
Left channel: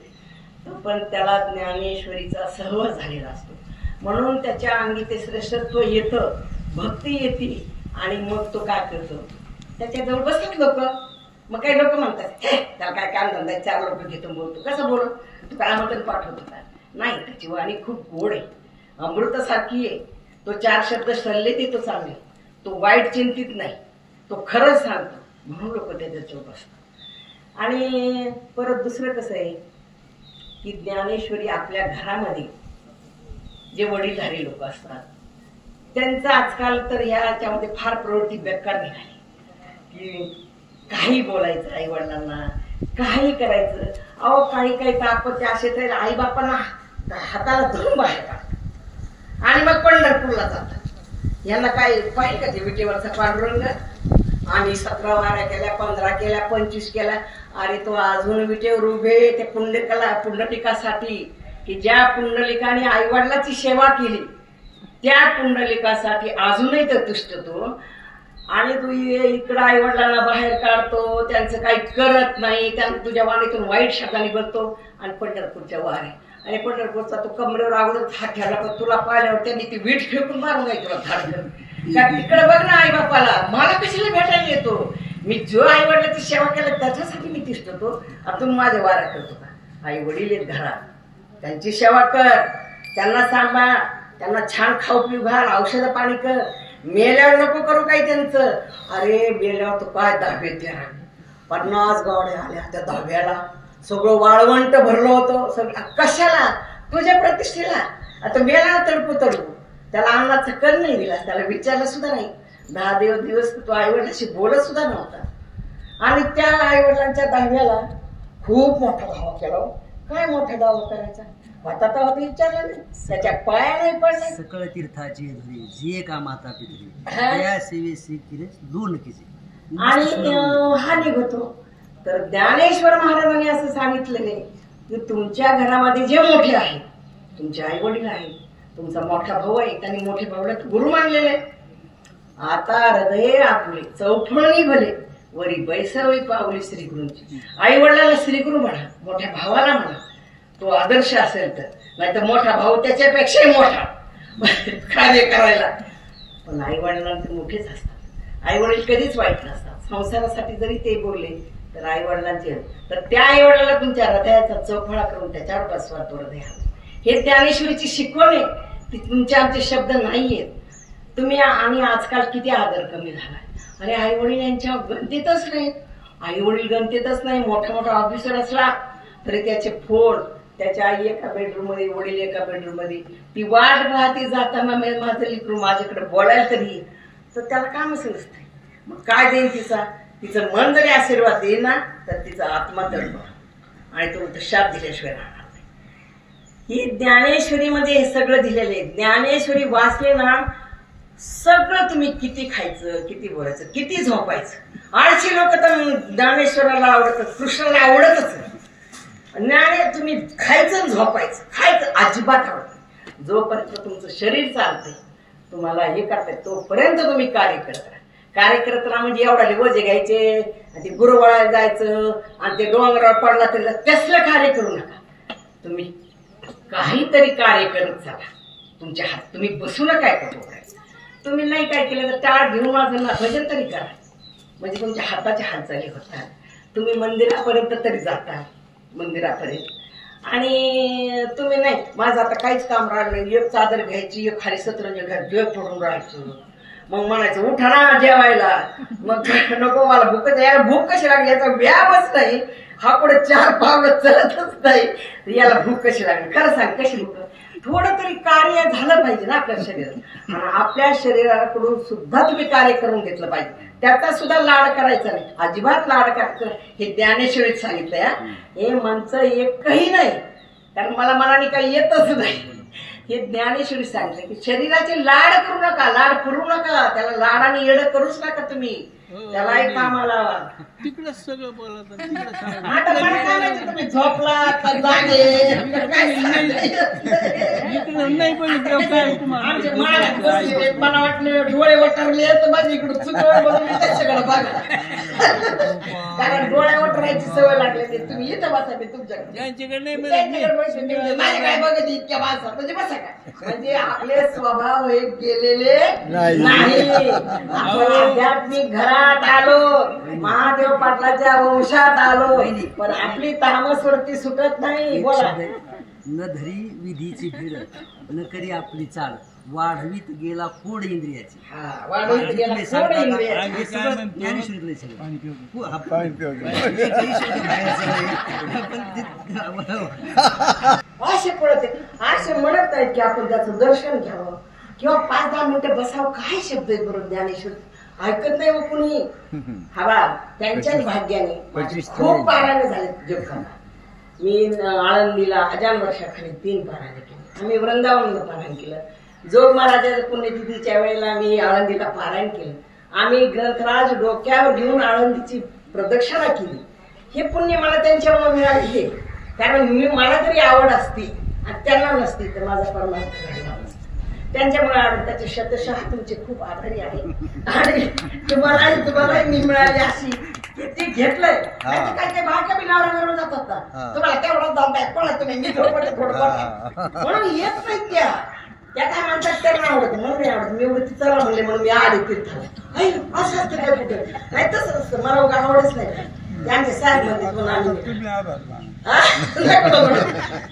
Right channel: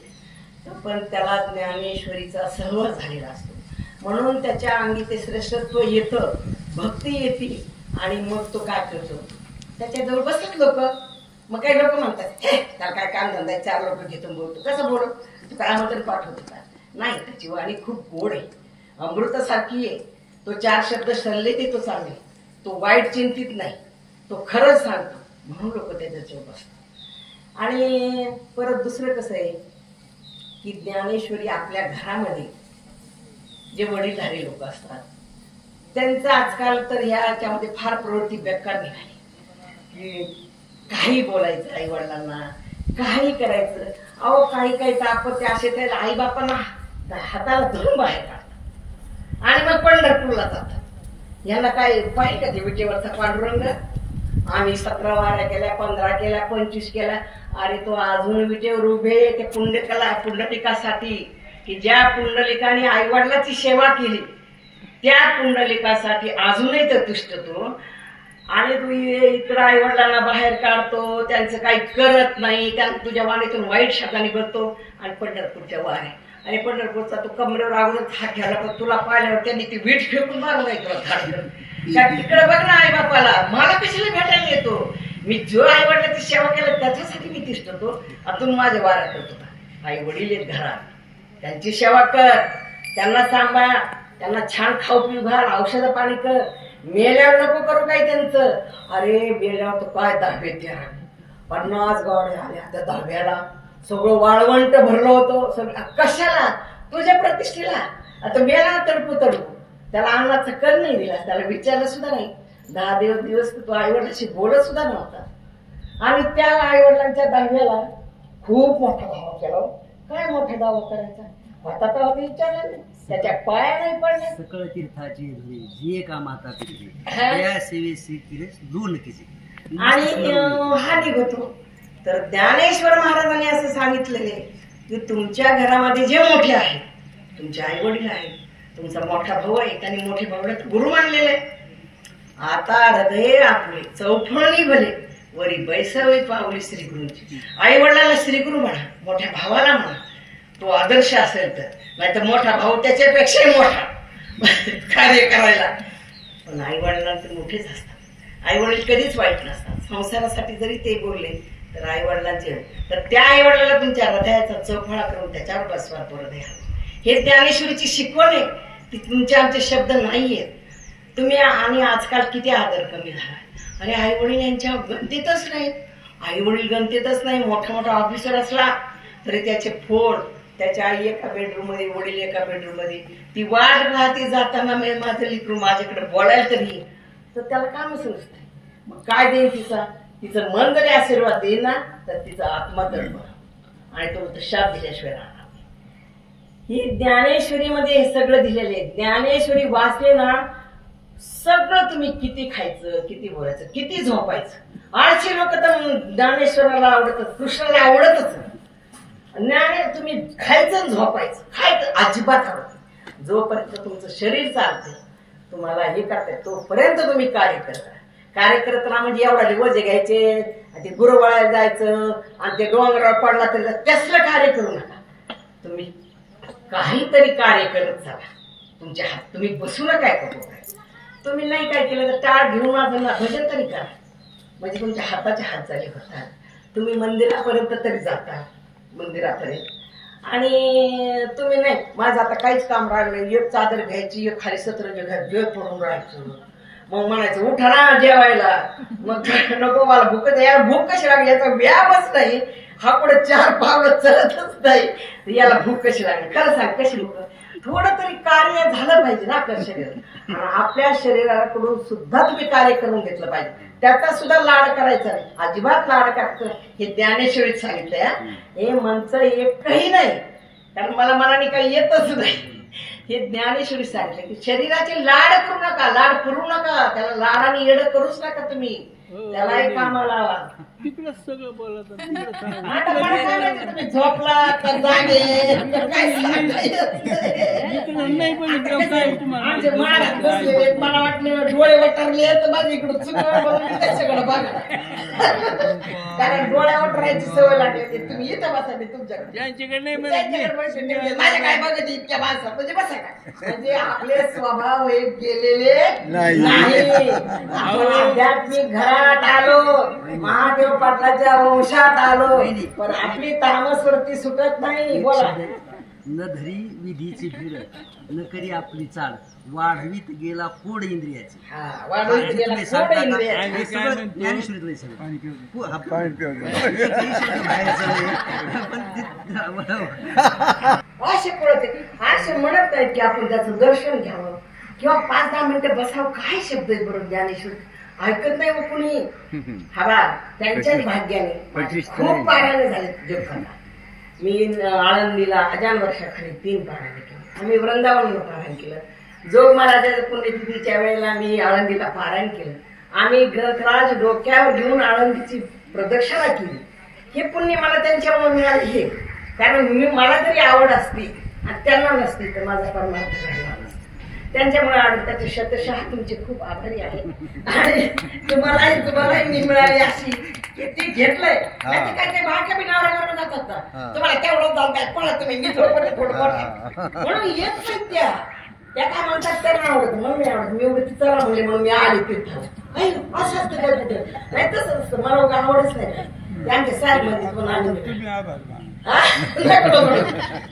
पण त्याला ज्ञानेश्वरीचा सहवास झालेला असतो. म्हणून त्याच्या अंगी ते श्रेष्ठत्व येतं, भक्ती येते. आणि मग तो काय करतो, त्याच्याजवळ बसतात लोक. मग काही लोक म्हणतात, हे त्याला काय काम धंदा, 4 लोक घेतो बोलतो, कसं बोलत, तू काय म्हणतो पाठवतो का? नाही, त्याची वाणी खूप गोड आहे, अमृतासारखी आहे. तो 4 शब्द सल्ले देतो चांगले, तो वाईट चिंतित नाही, तो खरंच सांगतो. म्हणून लोक त्याच्याजवळ बसतात. आणि परत दुसरं कसं आहे की ज्ञानेश्वरी आपल्या घरामध्ये जे वडीलधारी लोक असतात त्यांचं आजकाल तर ह्याच्यामध्ये फार प्रवृत्ती बेकार निघाली की काही बोलायचं आई वडिलांना, काही करायचं. अहो काही तापत्य असे तर आई बापांना हाताला धरून बाहेर काढतात आणि मग पंढरपूरला जातात. यांना काय पाहिजे का ते विटेवरचा पांडुरंग? आणि 17 वाऱ्या केल्या, 15 केल्या, 25 केल्या. अरे तो अजून विटेवर उभे त्या पुंडलिकासाठी, की ज्या पुंडलिकाने आई वडिलाची सेवा केली त्या पुंडलिकासाठी अजूनही तर तुष्टतो. आणि तू इकडं आई वडिलांना बाहेर काढतो, त्यांचं काही करत नाही, त्यांना तुझ्या वाणीतून वाईट शब्दाने बोलतो. आणि पंढरपूरच्या वाऱ्या, आणि पंढरपूरचा तू कमरेवर अगोदर हात ठेवला, पण तुला पाहिल्यावर त्यांनी ती वीट फेकून मारून नाही तुला धाडलं. तिकडे बघ ना आई बापाला, मला कशाला भेटायला येतो, मी जो आई वडिलांची सेवा केला त्याच्यासाठी मी तिष्ठ होतो. अजून माझ्या वाऱ्या करत होता. आई वडील आहेत घरात, त्यांची सेवा कर, त्यांना सांभाळ, त्यांना छान खाऊ पिऊ घाल, औषधं पाणी कर. मेल्यावर नको करू काही त्यांचं. अरे मेल्यावर तो काय 10-13 50 गाड्या आल्या त्या 10व्याला, सगळं वाळवंट भरलं होतं. सगळं कशाला? तुझ्या प्रतिष्ठेला. आता मेला तडपू तडपू, त्याला अन्नाचा कर नाही दिला, त्याला विचारलं सुद्धा नाही. 10 दिवस तो आईवडिलांशी बोलत सुद्धा नव्हता. आणि त्या आईवडिलांच्या 10व्याला खूप मोठा दावा केला. काय मोठा दावा करायचा होता तेव्हा ते विचारलं नाही, त्याच्या पाया नाही पडले. सकळ तीर्थाची धरी जे काम आता पिकले त्या सेवेसी केले दोन केले आणि हा निघतो. तर ज्ञानेश्वर महाराजांनी असं सांगितलेले की तुमच्या घरामध्ये जे मोठे आहेत, तुमचे आई वडील आहेत, तुमचा मोठा भाऊ आहे, त्यांनी मोठे भाऊला गुरु मानलेले. आता हृदय आपले चौफळणी भले वरी बैसावी पावली श्रीगुरूंची. आई वडिलांना श्रीगुरु म्हणा, मोठ्या भावाला म्हणा, तो आदर्श असेल तर. नाही तर मोठा भाऊ त्याच्यापेक्षाही मोठा कार्य करायला. पण आई वडिलांचे मोठेच असतात. आई वडील कधीच वाईट नसतात. संसारासाठी जरी ते बोलले तर आई वडिलांचे, तर त्या आई वडिलांना तुमच्या हृदयाचा चौफळा करून त्याच्यावर बसवा तो हृदय. हे ज्ञानेश्वरीची शिकवण आहे. ती तुमचे आमचे शब्द नाहीयेत. तुम्ही आणि आजकाल किती आदर कमी झाला. अरे आई वडील यांच्या गणतीतच नाही. आई वडील गणतीतच नाही. मोठा मोठा ऑफिसर असला तरी त्याचे फोड, त्याच्या आई एका बेडरूम मध्ये, वडील एका बेडरूम मध्ये, ती वाट राहते जाताना माझं लिकरू माझ्याकडे बोलायला तरी, तर त्याला कामच नसतंय. मग काय देईल तिचा? तिचं मन जरी आशीर्वाद देईल ना तर तिचा आत्मा तडफड, आणि तो शाप दिल्याशिवाय राहणार नाही. ही ज्ञानेश्वरीमध्ये हे सगळं दिलेलं आहे. ज्ञानेश्वरी वाचले ना, सगळं तुम्ही किती खायचं, किती बोलायचं, किती झोपायचं. 800 लोक तर ज्ञानेश्वराला आवडतात, कृष्णाला आवडतच नाही. तुम्ही खायचं झोपायचं, खायचं अजिबात आवडत. जोपर्यंत तुमचं शरीर चालते, तुम्हाला हे करताय, तोपर्यंत तुम्ही कार्य करता. कार्य करत राहा. म्हणजे एवढा वजे घ्यायचे, ते गुरुवाळ्यात जायचं आणि ते डोंगरावर पडला तरी तसलं कार्य करू नका. तुम्ही काहीतरी कार्य करत चला. तुमच्या हात, तुम्ही बसू नका करू. तुम्ही नाही काय केलं तर टाळ घेऊन माझं भजन तरी करा. म्हणजे तुमच्या हाताच्या हालचाली होतात. तुम्ही मंदिरापर्यंत तरी जाता, मंदिरापर्यंत. आणि तुम्ही नाही, माझं आता काहीच काम राहिलं नाही, एक चादर घ्यायची, एक खाली सतरंज घ्यायची, जय पडून राहायचं. मग म्हणायचं उठा ना जेवायला. मग नको मला भूक, याला भूक कशी लागली, याचा व्यायामच नाही. हा पुढे 4 पावलं चलतच नाही, याला भूक कशी लागली? खरं सांग, कशी भूक? थोडं तरी कार्य झालं पाहिजे ना आपल्या शरीरात. आणि आपल्या शरीराकडून सुद्धा तुम्ही कार्य करून घेतलं पाहिजे. त्याचा सुद्धा लाड करायचा नाही, अजिबात लाड करायचं. हे ज्ञानेश्वरीत सांगितलंय. हे मनचं एकही नाही, कारण मला मनाने काही येतच नाही. हे ज्ञानेश्वरी सांगितलं की शरीराचे लाड करू नका, लाड करू नका. त्याला लाडाने येडं करूच नका तुम्ही. त्यालाही कामाला लावा. तिकडंच सगळं बोलत आता मला काय माहिती तुम्ही झोपला तर जागे नाही बघितलं काय तुम्हाला. मला वाटलं डोळे वटारले तर माझ्या इकडं चुकवळ बघून सगळं बघा. कारण डोळ्या वटरायची सवय लागली. तुम्ही इथं बसा, मी तुमच्याकडे माझ्या काय बघत इतक्या बसा, म्हणजे बसा काय. म्हणजे आपले स्वभाव हे गेलेले नाही. आपण आध्यात्मिक घरात आलो, महादेव पाटलाच्या वंशात आलो, पण आपली तामसवरती सुटत नाही. बोला. न धरी विधीची भीड, न करी आपली चाल, वाढवीत गेला कोड इंद्रियाची. असे पडत असे म्हणत नाहीत की आपण त्याचं दर्शन घ्यावं किंवा 5-10 मिनिटं बसावं. काय शब्द आहेत बरोबर ज्ञानेश्वर, ऐकत नाही. मग कुणी हवा त्यांच्याच भाग्याने खूप पारायण झाले जगखंडात. मी आळंदीला अजान वर्षाखाली 3 पारायण केले. आम्ही वृंदावनला पारायण केलं. जोग महाराजाच्या पुण्यतिथीच्या वेळेला मी आळंदीला पारायण केलं. आम्ही ग्रंथराज डोक्यावर घेऊन आळंदीची प्रदक्षिणा केली. हे पुण्य मला त्यांच्यामुळे मिळाले. हे कारण मला जरी आवड असती आणि त्यांना नसती तर माझा परमार्थ झाला नसता. त्यांच्यामुळे आवड, त्याचे शतशः तुमचे खूप आभारी आहे. आणि तुम्हालाही मिळाली अशी ते घेतलंय. काय काय बायका बी नवऱ्यावर जातात ना, तुम्हाला तेवढंच जाऊ काय पळा तुम्ही, मी थोडं म्हणून येत नाही त्या. त्या काय म्हणतात तर नाही आवडत, म्हणून मी आवडत. मी उगत चला म्हणले म्हणून मी आले तीर्थाला. ऐ असं असतं काय कुठं? नाही तसं असतं, मला उगा आवडच नाही. त्यांचे साहेब म्हणते पण आम्ही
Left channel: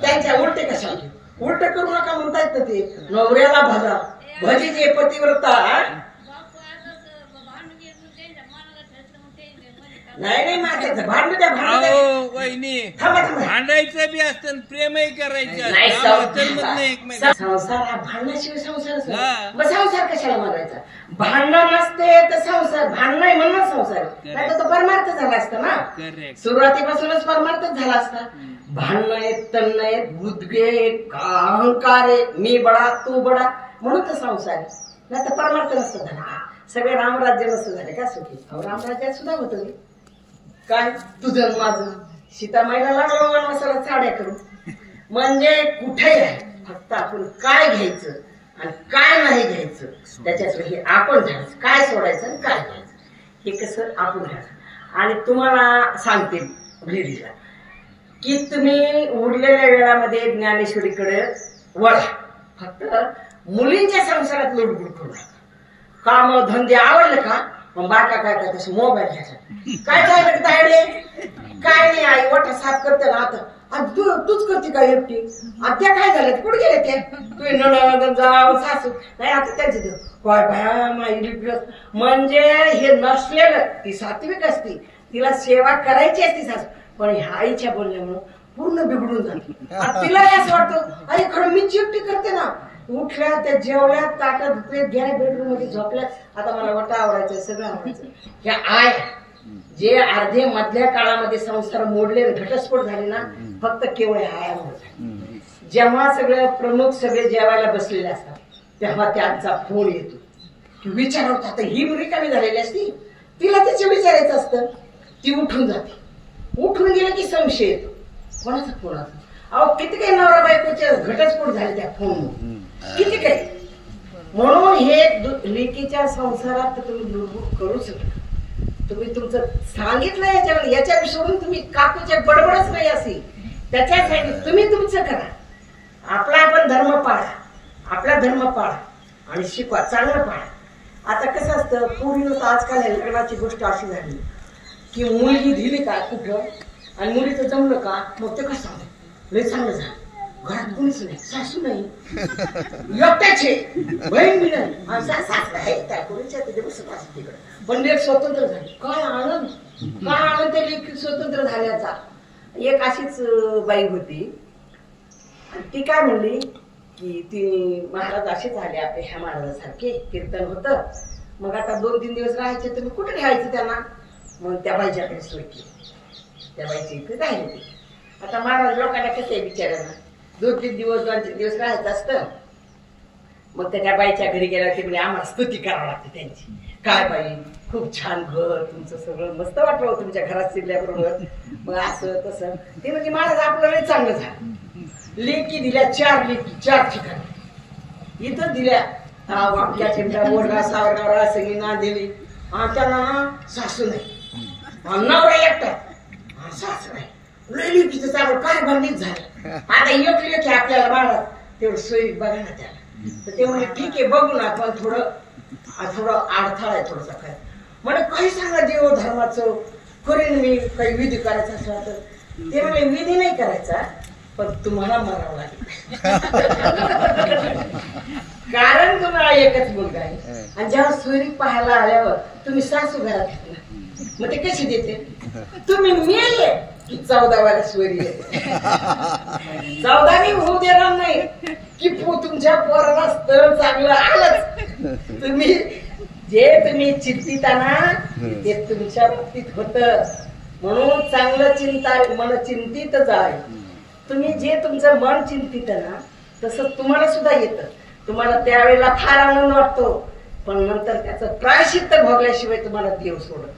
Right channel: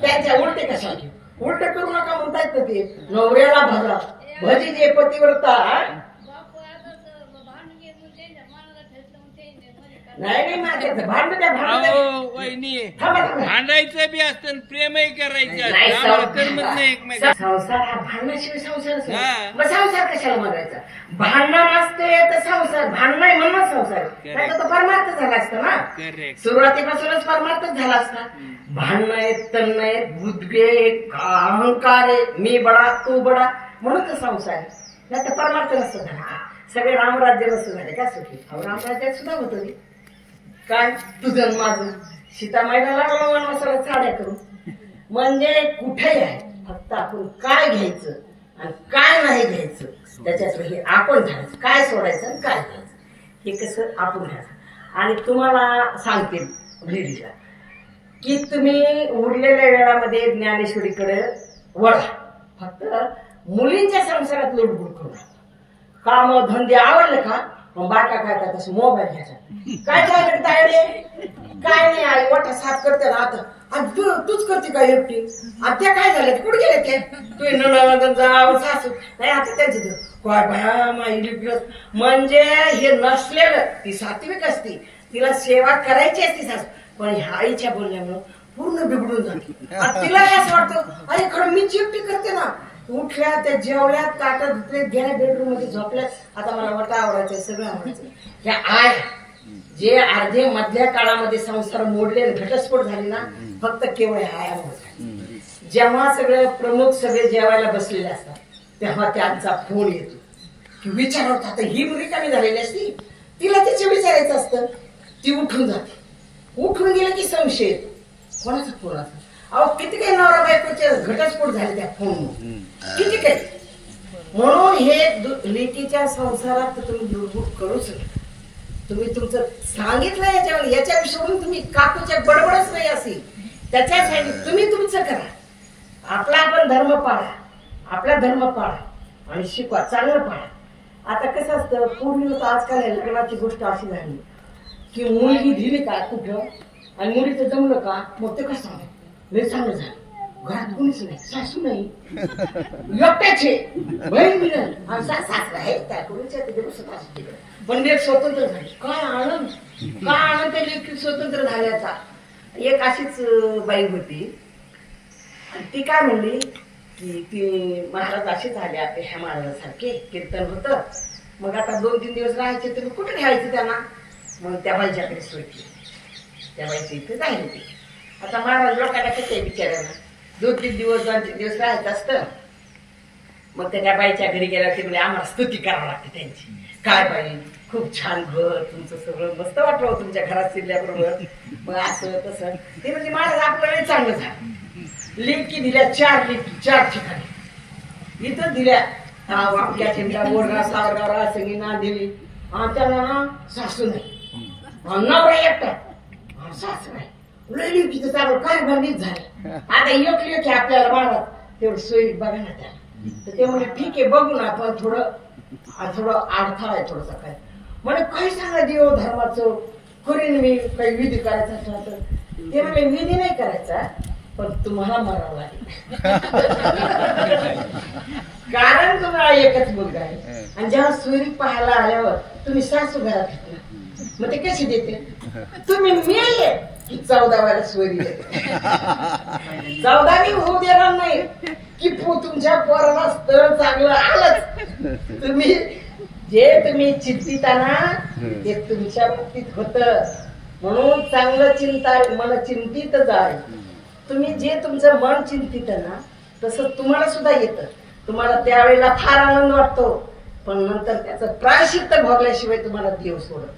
त्यांच्या उलटे कशा उलट करू नका म्हणतायत ना ते. नवऱ्याला भजा भजी जे पतिव्रता. नाही माझ्याचं भांडण द्या भांडायचं बी असतं, प्रेमही करायचं. संसार हा भांडणाशिवाय संसारच नाही. मग संसार कशाला मारायचा? भांडण नसते तर संसार, भांडण म्हणून संसार नाही तर तो परमार्थ झाला असता ना. सुरुवातीपासूनच परमार्थच झाला असता. भांडण आहेत, तन्न आहेत, बुद्गे, अहंकार आहे, मी बडा तू बडा, म्हणून तर संसार आहे. नाही तर परमार्थ नसतं झाला. सगळे रामराज्य नसतं झाले का सुखी? रामराज्यात सुद्धा होतं काय तुझं माझं. सीतामाईला लागलं वनवासाला साड्या करून. म्हणजे कुठेही आहे, फक्त आपण काय घ्यायचं आणि काय नाही घ्यायचं त्याच्यात हे आपण ठरायचं. काय सोडायचं आणि काय घ्यायचं हे कसं आपण घ्यायचं. आणि तुम्हाला सांगते लेडीजला की तुम्ही उरलेल्या वेळामध्ये ज्ञानेश्वरीकडे वळा. फक्त मुलींच्या संसारात लुडबुड करू नका. काम धंदे आवडले का मग बाका काय करत असं मोबाईल घ्यायचा. काय झालं तायडे? काय नाही आई वाटा साफ करते ना आता. तूच करते का एकटी? आणि त्या काय झालं कुठे गेले ते? तू नणंद जाव सासू नाही आता त्यांचे म्हणजे हे नसलेलं. ती सात्विक असती, तिला सेवा करायची असती सासू, पण ह्या आईच्या बोलण्यामुळं पूर्ण बिघडून जाते. तिला असं वाटतं अरे खरं मी एकटी करते ना. उठल्या त्या जेवल्या ताटा धुतले गेल्या बेडरूम मध्ये झोपल्या. आता मला वाटा आवडायचं सगळं आवडायचं. ह्या आय जे अर्धे मधल्या काळामध्ये संसार मोडले घटस्फोट झाले ना फक्त केवळ आयामुळे. जेव्हा सगळे प्रमुख सगळे जेवायला बसलेले असतात तेव्हा त्यांचा फोन येतो की विचारत आता ही मुली कमी झालेली असती, तिला त्याचे विचारायचं असतं. ती उठून जाते. उठून गेले की संशय येतो कोणाचा फोन असतो. अहो किती काही नवरा बायकोचे घटस्फोट झाले त्या फोन किती काही. म्हणून हे लेकीच्या संसारात तुम्ही लुडबुड करू शकता. तुम्ही तुमचं सांगितलं याच्यावर याच्या सोडून तुम्ही काकूच्या बडबडच नाही असेल त्याच्यासाठी तुम्ही तुमचं करा. आपला आपण धर्म पाळा, आपला धर्म पाळा आणि शिकवा, चांगलं पाळा. आता कसं असतं पूर्वी होतं आजकाल लग्नाची गोष्ट अशी झाली की मुलगी दिली का कुठं आणि मुलीचं जमलं का मग ते कसं सांगत लय चांगलं झालं. घरात कोणीच नाही, सासू नाही, एकट्याचे बहीण बी नाही आणि सासरा आहे त्या कोणीच्या तिकडे. पण लेख स्वतंत्र झाली. काय आनंद, काय आनंद त्या लेख स्वतंत्र झाल्याचा. एक अशीच बाई होती आणि ती काय म्हणली की ती महाराज असेच आले आपले ह्या महाराजासारखे कीर्तन होतं. मग आता 2-3 दिवस राहायचे तर कुठे राहायचं त्यांना. मग त्या बाईच्याकडे सोय केली. त्या बाईच्या इथे राहिले ते. आता महाराज लोकांना कसं विचारायला 2-3 दिवस 2-3 दिवस राहायचं असतं. मग त्या बाईच्या घरी गेल्या तिकडे आम्हाला स्तुती करावी लागते त्यांची. काय बाई खूप छान घर तुमचं, सगळं मस्त वाटलं तुमच्या घरात शिरल्याबरोबर. मग असं तसं ते म्हणजे महाराज आपलं वेळ चांगलं झालं. लेकी दिल्या 4 लेकी 4 ठिकाणी. इथं दिल्या आपल्या चिमटा बोरगा सावरगावरा सगळी ना दिली. त्यांना ना सासू नाही, नवरा एकटा, सासू नाही. लेकीचं चालू काय बंदीच झालं. आता एक लेख आपल्याला महाराज तेवढं सोयी बघा ना त्याला. तर ते म्हणजे ठीक आहे बघू ना पण थोडं अडथळा आहे थोडंसं काय. म्हणजे काही सांगा देव धर्माचं करीन मी काही विधी करायचा असला तर. ते म्हणजे विधी नाही करायचा पण तुम्हाला मारावं लागेल. कारण तुम्हाला एकच मुलगा आहे आणि जेव्हा सोयरी पाहायला आल्यावर तुम्ही सासू घरात घेतला मग ते कशी देते. तुम्ही मेले की 14वाला सोयरी येते. 14वी होऊ देणार नाही की तुमच्या पोराला स्थळ चांगलं आलंच. तुम्ही चिंतिता ना ते तुमच्या बाबतीत होत. म्हणून चांगलं चिंता मन चिंतित जाय. तुम्ही जे तुमचं मन चिंतित ना तसं तुम्हाला सुद्धा येतं. तुम्हाला त्यावेळेला फार आनंद वाटतो पण नंतर त्याचं प्रायश्चित्त भोगल्याशिवाय तुम्हाला देव सोडत.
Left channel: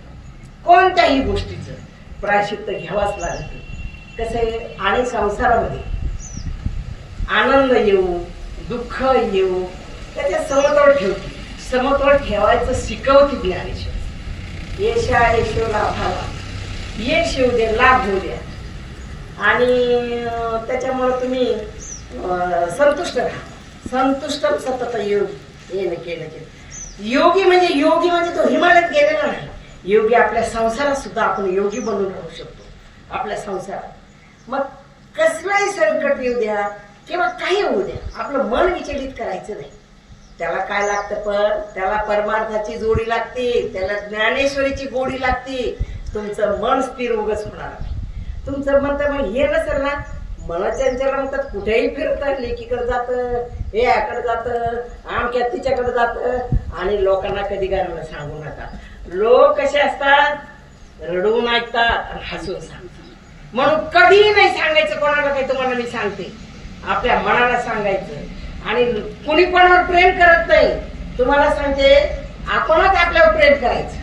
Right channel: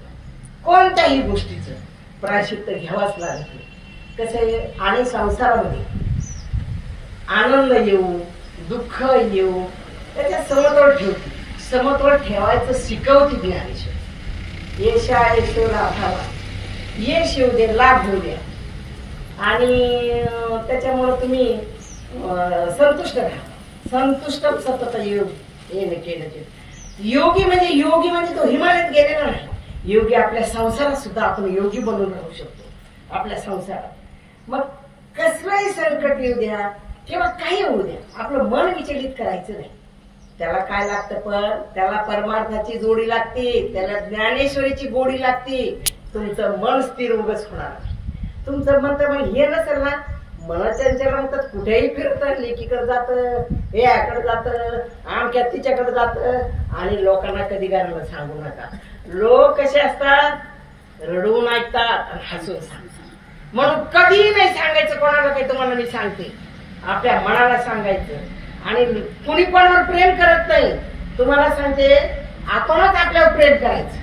कोणत्याही गोष्टीचं प्रायश्चित्त घ्यावाच लागतं. कसं आहे आणि संसारामध्ये आनंद येऊ दुःख येऊ त्याच्या समतोल ठेवते. समतोल ठेवायचं शिकवते ज्ञानेश्वर. येशा येशो लाभावा, यश येऊ दे लाभ होऊ द्या. आणि त्याच्यामुळं तुम्ही संतुष्ट राहा. संतुष्ट सतत योगी येणं केलं. योगी म्हणजे तो हिमालयात गेलेला नाही. योगी आपल्या संसारात सुद्धा आपण योगी बनून राहू शकतो. आपल्या संसारात मग कसलंही संकट येऊ द्या किंवा काही होऊ द्या, आपलं मन विचलित करायचं नाही. त्याला काय लागतं, पण त्याला परमार्थाची जोडी लागते, त्याला ज्ञानेश्वरीची गोडी लागते. तुमचं मन स्थिर उगच होणार नाही. तुमचं मन तर मग हे नसेल ना, मनाच्या म्हणतात कुठेही फिरतं, लेकीकडे जातं, हे याकडे जातं, आमक्या तिच्याकडे जातं. आणि लोकांना कधी गाणं सांगू नका. लोक कसे असतात, रडून ऐकतात आणि हसून सांगतात. म्हणून कधीही नाही सांगायचं कोणाला काही. तुम्हाला मी सांगते, आपल्या मनाला सांगायचं. आणि कुणी कोणावर प्रेम करत नाही. तुम्हाला सांगते, आपणच आपल्यावर प्रेम करायचं.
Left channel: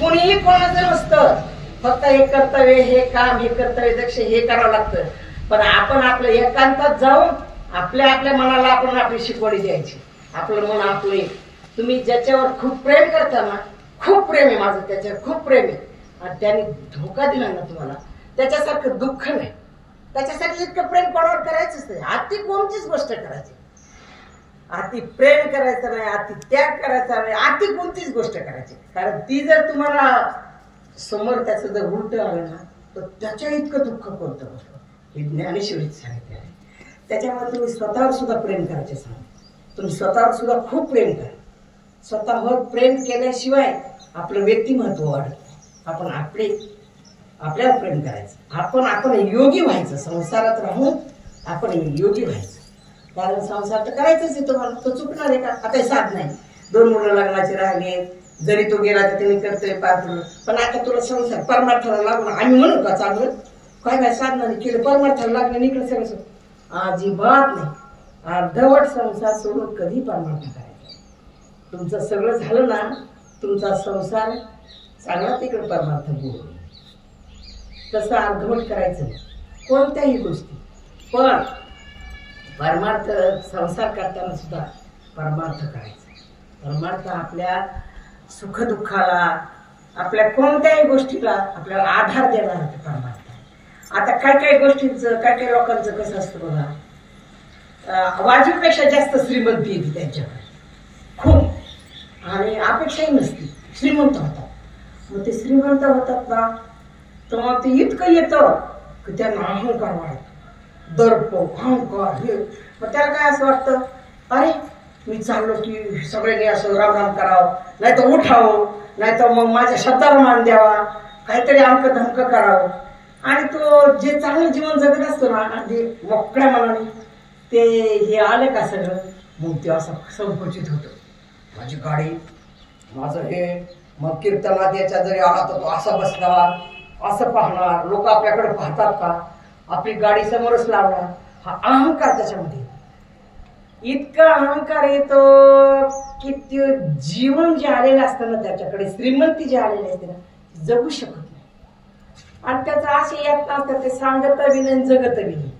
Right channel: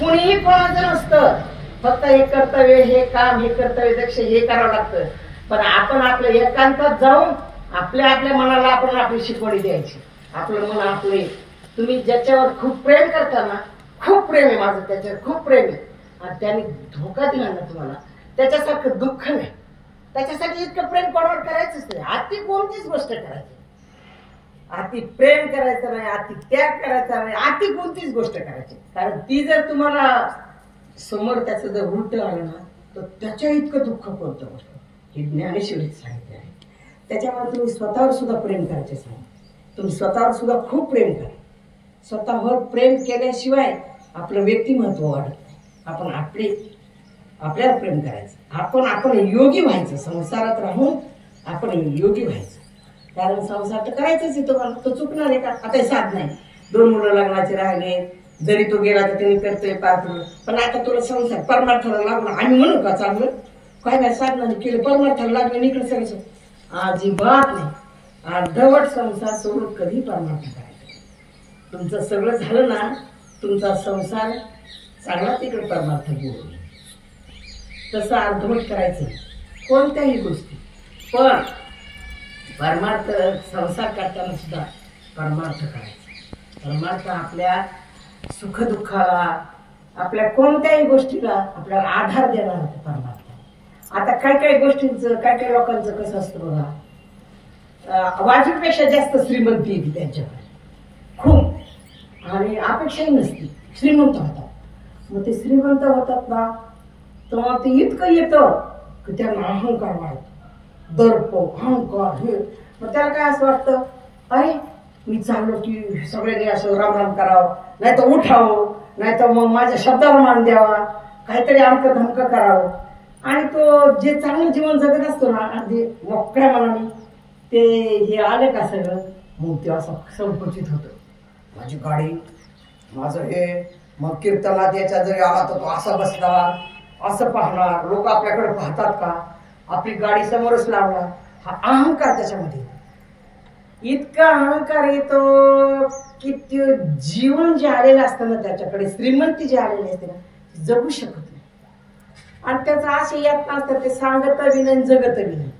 कुणीही कोणाचं नसतं. फक्त हे कर्तव्य, हे काम, हे कर्तव्य दक्ष हे करावं लागतं. पण आपण आपल्या एकांतात जाऊन आपल्या मनाला आपण आपली शिकवणी द्यायची. आपलं मन आपले. तुम्ही ज्याच्यावर खूप प्रेम करता ना, खूप प्रेम आहे माझं त्याच्यावर, खूप प्रेम आहे, आणि त्याने धोका दिला ना तुम्हाला, त्याच्यासारखं दुःख नाही. त्याच्यासाठी इतकं प्रेम कोणावर करायचंच नाही. अति कोणतीच गोष्ट करायची, अति प्रेम करायचं नाही, अति त्याग करायचा नाही, अति कोणतीच गोष्ट करायची. कारण ती जर तुम्हाला समोर त्याचं जर उलट आलं ना, तर त्याच्या इतकं दुःख कोणतं गोष्ट हे ज्ञानेश्वरीत सांगितलं आहे. त्याच्यामुळे तुम्ही स्वतःवर सुद्धा प्रेम करायचे सांगा. तुम्ही स्वतःवर सुद्धा खूप प्रेम करा. स्वतःवर प्रेम केल्याशिवाय आपलं व्यक्तिमत्व वाढत नाही. आपण आपल्यावर प्रेम करायचं. आपण योगी व्हायचं. संसारात राहून आपण योगी व्हायचं. कारण संसार तर करायचंच आहे तुम्हाला. तो चुकणार आहे का? आता साध नाही. 2 मुलं लग्नाचे राहिले, जरी तो गेला तर त्यांनी करतोय पाहतो. पण आता तुला संसार परमार्थाला लागून आम्ही म्हणू का चांगलं? काय साधनाने केलं, परमार्थाला लागलं निकडं सगळं अजिबात नाही. अर्धवट संसार सोडून कधी परमार्थ करायचा. तुमचं सगळं झालं ना, तुमचा संसार चांगला तिकडे परमार्थ घेऊन. तसं अर्धवट करायचं कोणत्याही गोष्टी. पण परमार्थ संसार करताना सुद्धा परमार्थ करायचा. परमार्थ आपल्या सुखदुःखाला, आपल्या कोणत्याही गोष्टीला आपल्याला आधार देणार होते परमार्थ. आता काही गोष्टींचं, काही लोकांचं कसं असतं बघा, वाजवीपेक्षा जास्त श्रीमंती येते त्यांच्याकडे खूप, आणि अपेक्षाही नसती. श्रीमंत होतात. मग ते श्रीमंत होतात ना, तेव्हा ते इतकं येतं की त्यांना अहंकार वाढतो, दर्प, अहंकार हे. मग त्याला काय असं वाटतं, अरे मी चाललो की सगळ्यांनी असं रामराम करावं, नाही तर उठावं, नाही तर मग माझ्या शब्दाला मान द्यावा, काहीतरी अमकं धमकं करावं. आणि तो जे चांगलं जीवन जगत असतो ना, अगदी मोकळ्या मनाने, ते हे आले का सगळं, मग ते असं संकुचित होतं. माझी गाडी, माझं हे, मग कीर्तनात याच्या जरी आला तर तो असा बसणार, असं पाहणार, लोक आपल्याकडे पाहतात का, आपली गाडी समोरच लावणार. हा अहंकार त्याच्यामध्ये इतका अहंकार येतो की ते जीवन जे आलेलं असतं ना, त्याच्याकडे श्रीमंती जी आलेली असते ना, जगू शकत नाही. आणि त्याचं असे येत नसतं, ते सांगत बी नाही, जगत बी नाही.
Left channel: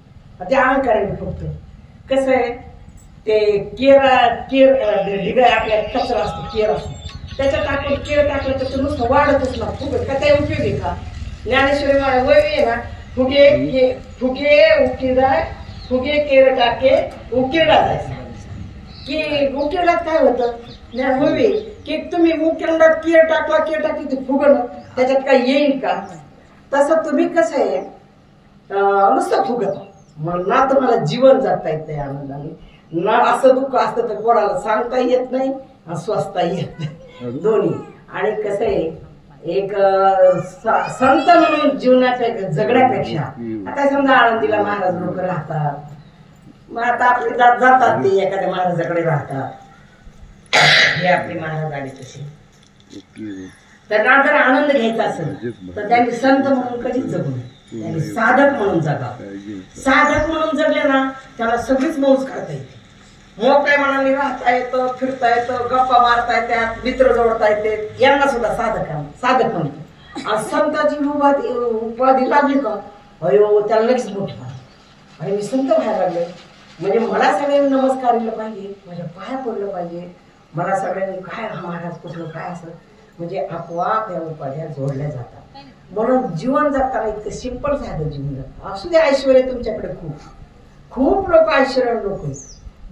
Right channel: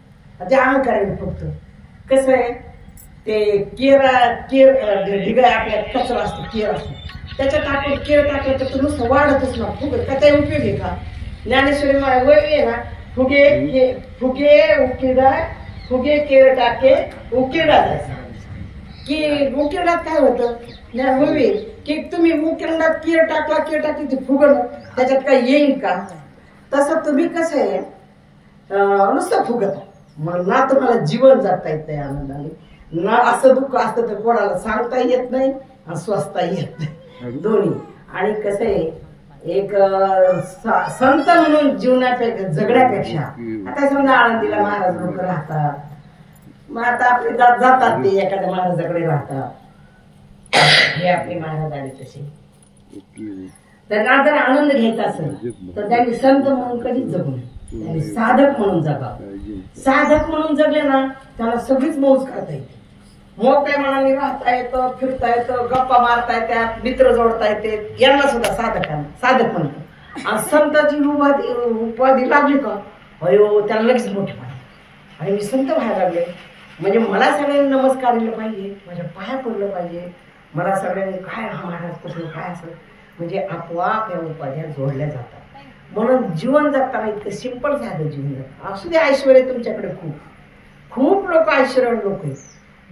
ते अहंकार आहे फक्त. कसं आहे, ते केर ढिगा आपल्या कचरा असतो, केर असतो, त्याच्यात टाकून केर टाकलं तर नुसतं वाढतच ना. फुगे का ते उपयोग आहे का? ज्ञानेश्वरी वय आहे ना, फुगे उकिरडा, फुगे केर टाके उकिरडा जायचा. की उकिरडात काय होतं, ज्ञान वय की तुम्ही उकिरडात केर टाकली ते फुगण, त्याच्यात काय येईल का? तसं तुम्ही कसं आहे, नुसतं फुगत. मग ना तुम्हाला जीवन जगता येत नाही आनंदाने, ना असं दुःख असतं तर कोणाला सांगता येत नाही आणि स्वस्ता येत नाही, दोन्ही. आणि कसं आहे, एक संत म्हणून जीवनापेक्षा जगण्यापेक्षा, आता समजा आळंदीला महाराज लोक राहतात, मग आता आपले जातात ते एखाद्या महाराजाकडे राहतात, हे आपले महाराज आले तसे. त्यांना जर आनंद घ्यायचा असेल तर त्यांनी संत म्हणून कधीच जगू नये, त्यांनी साधक म्हणून जगावं. साधक म्हणून जगले ना, त्याला सगळीच मौज करता येते. मोकळ्या मनाने राहता येतं, फिरता येतं, गप्पा मारता येतात, मित्र जोडता येते. यांना सुद्धा साधक म्हणतो. आणि संताची उपाधी लागली का, अयो त्याला लगेच मोठे पाहिजे, आणि मी संत व्हायला लागले म्हणजे मला सगळ्यांनी नमस्कार दिलं पाहिजे, माझ्या पाया पडलं पाहिजे, मला सगळ्यांनी काय महाराज कुठलं काय असं, म्हणजे आपोआप या उपाध्या जोडल्या जातात. म्हणून जीवन जगताना इतकं सिंपल झालं जीवन. असू दे ऐश्वर्य तुमच्याकडे खूप खूप लोक ऐश्वर्य लोक आहेत,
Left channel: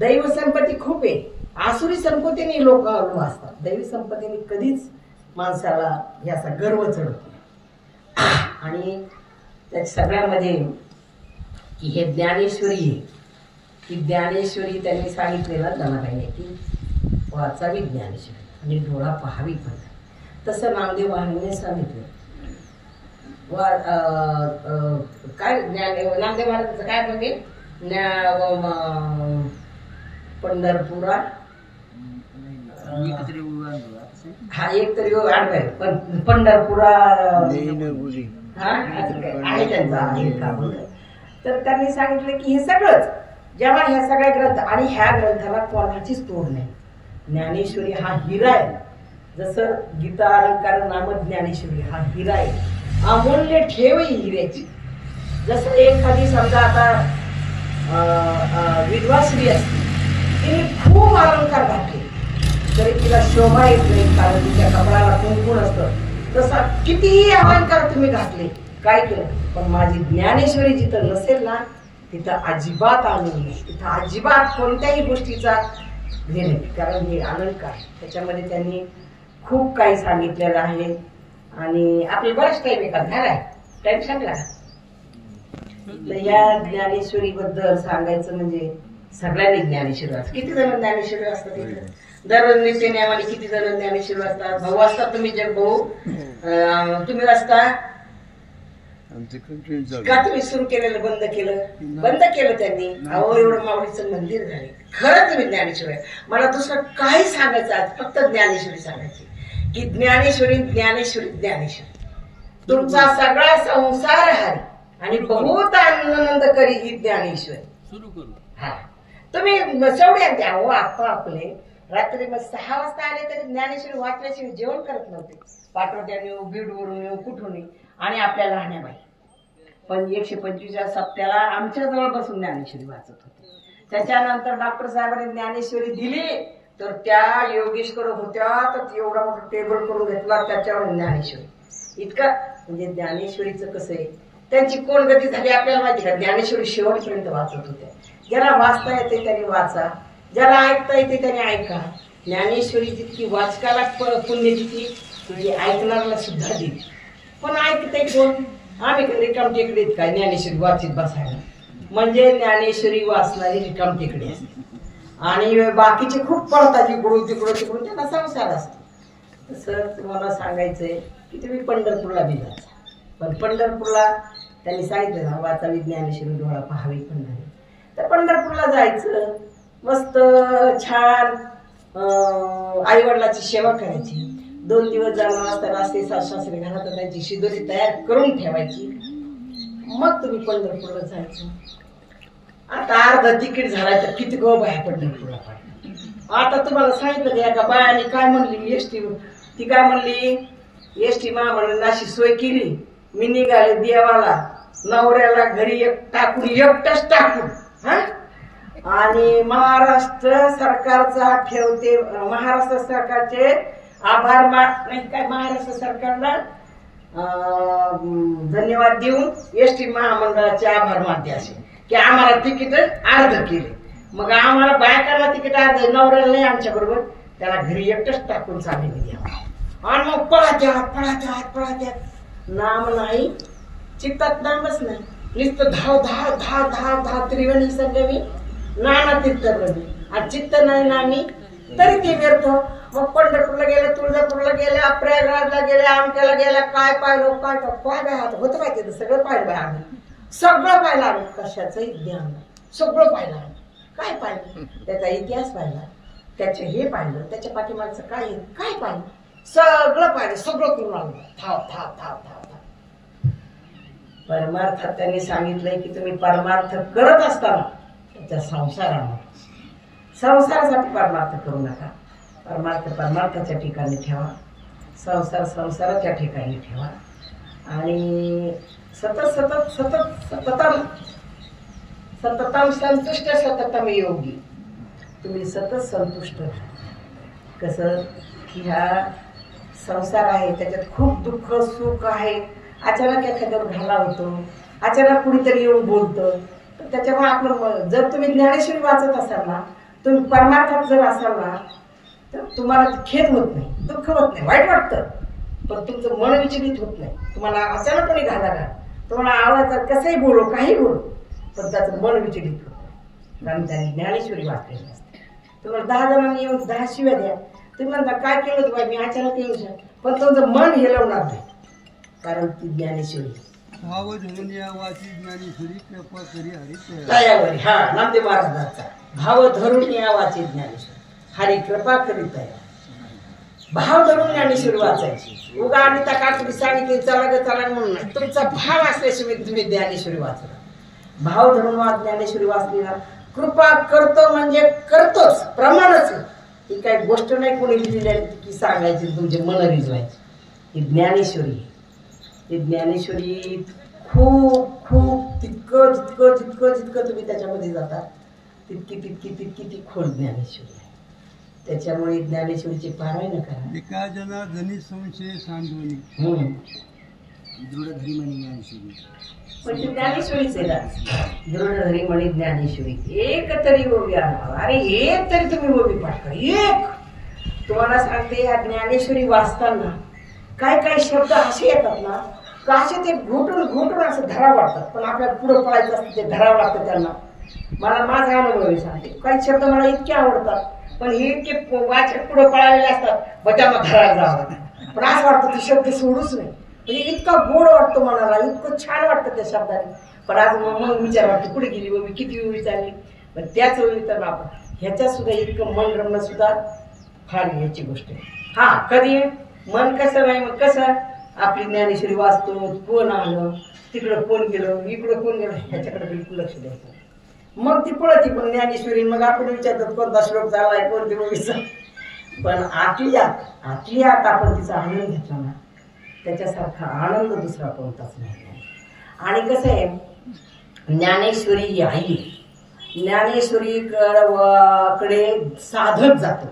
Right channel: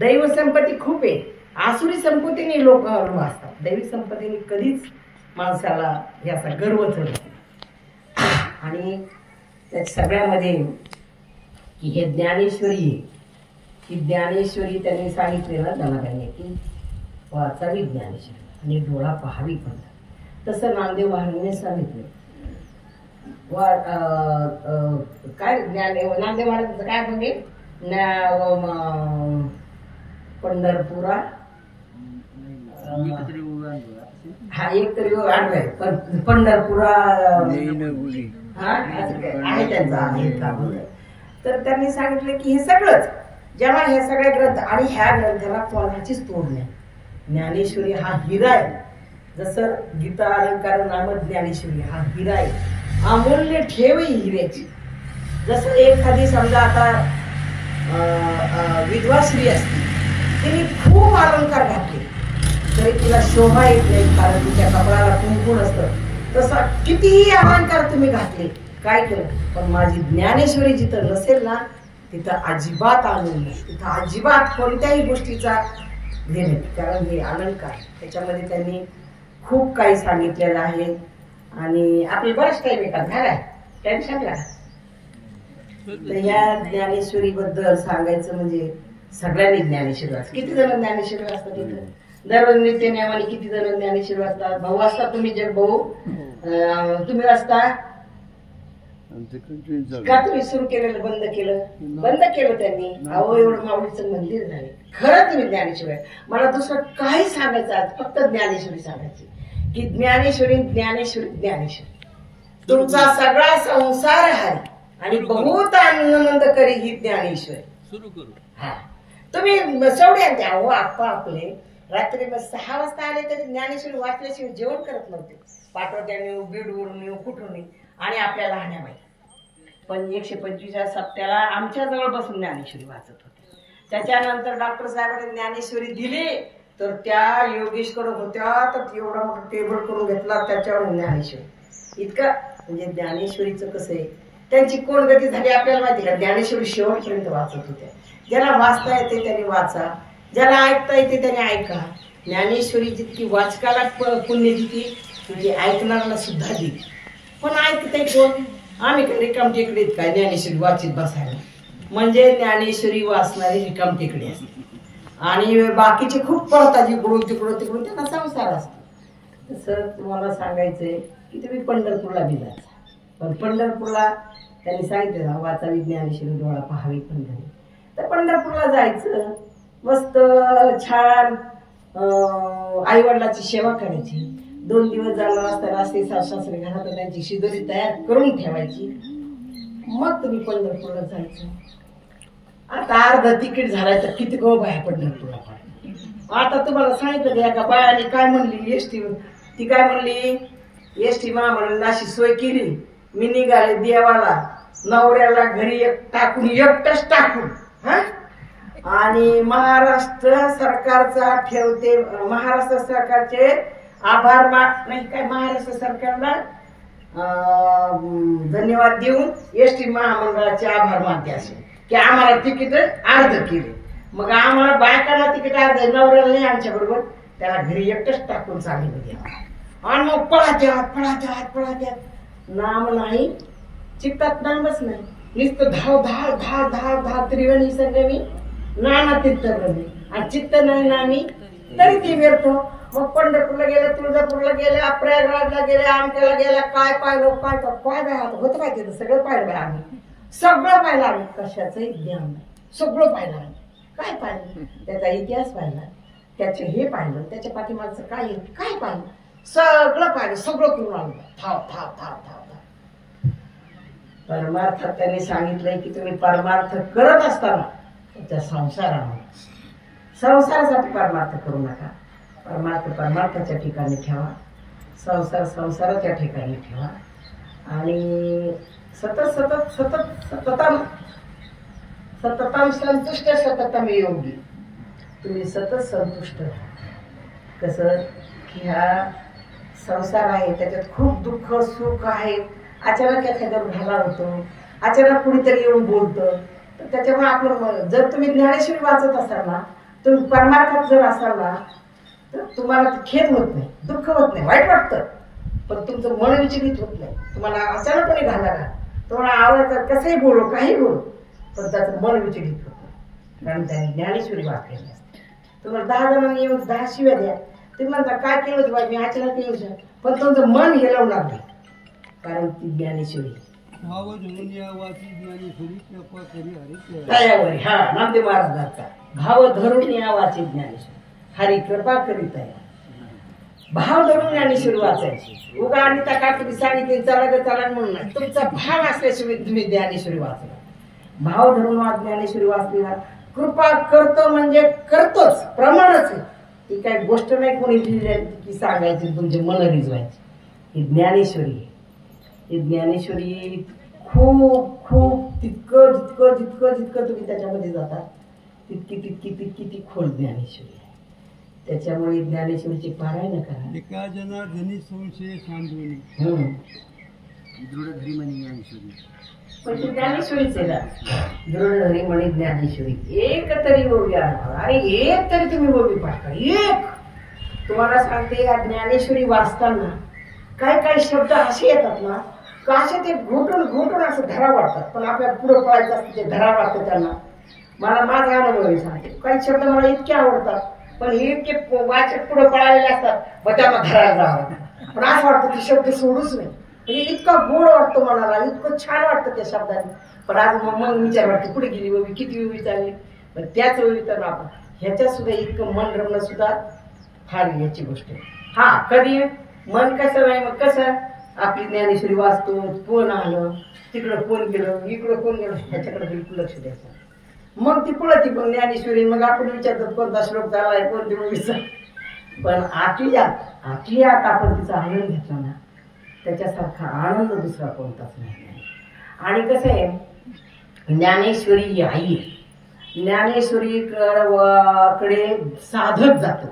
दैव संपत्ती खूप आहे. आसुरी संपत्तीने लोक वाचतात, दैवी संपत्तीने कधीच माणसाला याचा गर्व चढत नाही. आणि त्या सगळ्यामध्ये की हे ज्ञानेश्वरी आहे, की ज्ञानेश्वरी त्यांनी सांगितलेलं जनाबाईने की वाचावी ज्ञानेश्वरी आणि डोळा पाहावी पण. तसं नामदेव महाराजांनी सांगितलं. काय नामदेव महाराजांचं काय म्हणजे पंढरपुरा हा एक तरी आडवाय पण पंढरपुरा हा आहे त्यांचा आहे का. तर त्यांनी सांगितलं की हे सगळंच जेव्हा ह्या सगळ्या ग्रंथ आणि ह्या ग्रंथाला कोणाचीच तोड नाही. ज्ञानेश्वरी हा हिरा आहे. जसं गीता अलंकार नाम ज्ञानेश्वरी हा हिरा आहे, अमूल्य ठेव आहे हिऱ्याची. जसं एखादी समजा आता विधवा स्त्री असते, तिने खूप अलंकार घातले तरी तिला शोभा येत नाही, कारण तिच्या कपड्याला कुंकून असतं. तसा कितीही अलंकार तुम्ही घातले काय केलं, पण माझी ज्ञानेश्वरी जिथं नसेल ना तिथं अजिबात आनंद नाही, तिथं अजिबात कोणत्याही गोष्टीचा हे नाही. कारण हे अलंकार त्याच्यामध्ये त्यांनी खूप काही सांगितलेलं आहे. आणि आपलं बरंच टाईम एका झाला टाईम सांगला. तर या ज्ञानेश्वरी बद्दल सांगायचं म्हणजे सगळ्यांनी ज्ञानेश्वरी वाचतात. किती जण ज्ञानेश्वरी वाचतात इथं दररोज नित्य नियमाने? किती जण ज्ञानेश्वरी वाचतात? भाऊ वाचतात तुम्ही? जग भाऊ तुम्ही वाचता का? तुम्ही सुरू केलेलं बंद केलं? बंद केलं त्यांनी. अहो एवढं माऊलीचं मंदिर झाले. खरं तुम्ही ज्ञानेश्वरी. मला दुसरं काही सांगायचं आज, फक्त ज्ञानेश्वरी सांगायची की ज्ञानेश्वरी ज्ञानेश्वरी ज्ञानेश्वरी तुमचा सगळा संसार हारी आणि बहुत आनंद करी ही ज्ञानेश्वरी. हा तुम्ही शेवटी द्या हो. आता आपले रात्री 6 वाजता आले तरी ज्ञानेश्वरी वाचल्याशिवाय जेवण करत नव्हते. पाठवट्याने बीडवरून येऊ कुठून आणि आपल्या लहान्याबाई पण 125 सप्त्याला आमच्या जवळ बसून ज्ञानेश्वरी वाचत होते. त्याच्यानंतर डॉक्टर साहेबांनी ज्ञानेश्वरी दिली तर त्या योगेशकडे होत्या तर एवढा मोठा टेबल करून घेतला त्याच्यावर ज्ञानेश्वरी. इतकं म्हणजे ज्ञानेश्वरीचं कसं आहे, त्यांची कोण गती झाली आपल्याला माहिती का? ज्ञानेश्वरी शेवटपर्यंत वाचत होत्या. ज्याला वाचता येते त्याने वाचा, ज्याला ऐकता येते त्याने ऐका. ज्ञानेश्वरी जितकी वाचकाला पुण्य देते तिथे ऐकणाऱ्याला सुद्धा देते. पण ऐकते कोण? आम्ही काय रिकाम टेकडीत काय ज्ञानेश्वरी वाचित बसायला? म्हणजे ज्ञानेश्वरी वाचणारी रिकाम टेकडी असते आणि बाकीचे खूप पडतात इकडून तिकडून तिकडून, त्यांना संसार असतो. तसं तुम्हाला सांगायचंय की तुम्ही पंढरपूरला बी जायचा. पण पंढरपूरला त्यांनी सांगितलं ना वाचावी ज्ञानेश्वरी डोळा पाहावी पंढरी. तर पंढरपूरला जायचं, मस्त छान आईवडिलाची सेवा करायची. 2 दिवस जाऊन असताना असते सासरे घरात त्यांची शिदोरी तयार करून ठेवायची. मग तुम्ही पंढरपूरला जायचं. आता अर्धा तिकीट झालाय तर किती गो बाया पंढरपूरला पडतात. आता तुम्हाला सांगितलं की एका बायाने काय म्हणली एसटी, ती काय म्हणली एसटी महामंडळाने अशी सोय केली, मी निघाले देवाला, नवऱ्याला घरी टाकून एकटंच टाकून. हा आणि महाराष्ट्र सरकारचा ठेवते, महाराष्ट्र सरकारचे आभार नाही काय, महाराष्ट्र सरकारला धन्यवाद देऊन एसटी महामंडळाचे आभार मानते असे की आम्हाला तिकीट अर्ध केले. मग आम्हाला बायकाला तिकीट अर्ध, नवऱ्याला नाही आमच्या बरोबर, त्याला घरी एकटंच टाकून चालले द्यावा. आणि मग पळात्यात पळात्यात पळात्यात नाम नाही, चित्तात नामच नाही, नुसतं धाव धाव धाव धाव धाव त्रिवेणी संगमी नाना तीर्थप्रमी आणि चित्त नाही नामी तरी ते व्यर्थ. मग पंढरपूरला गेले, तुळजापूरला गेल्या, प्रयागराजला गेल्या, आमट्याला गेल्या, काय पाहिलं काय काय होतं काय तिथं सगळं पाहिलं बाय आम्ही, सगळं पाहिलं आम्ही. कशाचंही ज्ञान नाही, सगळं पाहिलं आम्ही. काय पाहिलं? त्याचा इतिहास पाहिला, त्याचे हे पाहिलं, त्याच्या पाठीमागचं काय काय पाहिलं, सगळं पाहिलं, सगळं करून आलं. थाव थाव थाव थाव थाव. परमार्थात त्यांनी सांगितलंय की तुम्ही परमार्थ करत असताना त्या संसारासाठी परमार्थ करू नका. परमार्थ परमार्थाच्या ठिकाणी ठेवा, संसार संसाराच्या ठिकाणी ठेवा आणि सतत सतत सतत सततम सततम संतुष्ट सततम योगी. तुम्ही सतत संतुष्ट राहा. कसं की हा संसार आहे त्याच्यात खूप दुःख सुख आहे. अचानक एखाद्यावर घाला होतो, अचानक कुणीतरी येऊन बोलतं, तर त्याच्यामुळे आपलं जर तुम्ही ज्ञानेश्वरी वाचत असाल ना तुम्ही परमार्थात जर असाल ना तर तुम्हाला खेद होत नाही, दुःख होत नाही, वाईट वाटतं, पण तुमचं मन विचलित होत नाही. तुम्हाला अचानकपणे घाला ना, तुम्हाला आवडतात कसंही बोलो काही बोलो, पण त्याचं मन विचलित होत नाही, कारण त्यांनी ज्ञानेश्वरी वाचलेली असते. तुम्हाला 10 जणांनी येऊन 10 शिव्या द्या, तुम्ही म्हणता काय केलं होतं बाई, मी अचानक येऊ शकतो, पण तुमचं मन हेलवणार नाही, कारण ती ज्ञानेश्वरी भाव धरून यावाची ज्ञानेश्वरी कृपा करी हरी तयावरी. हा नामदेव महाराजांचा भाव धरून यावाची ज्ञानेश्वरी हरी कृपा करीत आहे. भाव धरून ज्ञानेश्वरी वाचायची. उगा आणि त्या काकुडी सांगितली चला ग चला म्हणून नाही, तुमचा भाव असल्याशिवाय तुम्ही ज्ञानेश्वरी वाचला. भाव धरून ज्ञानेश्वरी वाचली ना, कृपा करतो म्हणजे करतोच, प्रमाणच. ही काही गोष्ट नाही कोणी लिहिलेली की सांगायची तुमचे मन रिजवायचे. ही ज्ञानेश्वरी, ही ज्ञानेश्वरी खूप खूप जितकं जितकं जितकं जितकं तुम्ही त्याच्यामध्ये जाता तितकी तितकी तितकी ती खोल ज्ञानेश्वरी आहे. त्याच्यामुळे ज्ञानेश्वरीचे पारायण करा. एका जना जनी संशय सांडून दृढधरी म्हणे ज्ञानेश्वरी. पण ती ज्ञानेश्वरीच आहे ना, दृढधरी म्हणे ज्ञानेश्वरी. एक तरी ओवी आठवा, अरे एक तरी तुम्ही ओवी पाठ करा. एक तुम्हाला सांगते, या ज्ञानेश्वरी वाचताना काय काय शब्द असे येतात ना, का असे ते घोटून घोटून असं धरावं वाटतात, पण आपल्याला पुढं पळायचं असतं ते धरावं लागतं त्यांना. मला माझा अनुभव आहे सांगते, काही शब्द मला इतके आवडतात, पण हे इतके वाचत पुढं पळालेले असतात, मग त्यांना धरायला जावं. पण असं वाटतं ते शब्द सोडूच नाही, म्हणजे इतका गोड वाटतो मनाला, इतकं छान वाटतं त्या शब्दाने. पण आज मग विचार वाटतो कुठे गेली ओवी, किती ओवी चालली. पण त्याच ओवी तर आपण ह्याच्यात सुद्धा इतकं मन रमणं सुद्धा फार याची गोष्ट आहे. हा कधी मन कसं नाही, मग कसं आपली ज्ञानेश्वरी वाचतो, कोण आलं तिकडं, कोण गेलं इकडं, कोण गेलं, ह्याच्याकडे बिलकुल लक्ष द्यायचं. मग ती पळती पण ज्ञानेश्वरी, मग आपण विचारतात कोणता श्लोक झालाय, कोणती ओवीचा. पण आतल्यात आपण तिचा आनंद घेतला ना, त्याच्यासारखा आनंद दुसरा कोणताच नाही. आणि कसं आहे, ज्ञानेश्वरी ही आई, ज्ञानेश्वरी कडे साधक जातो,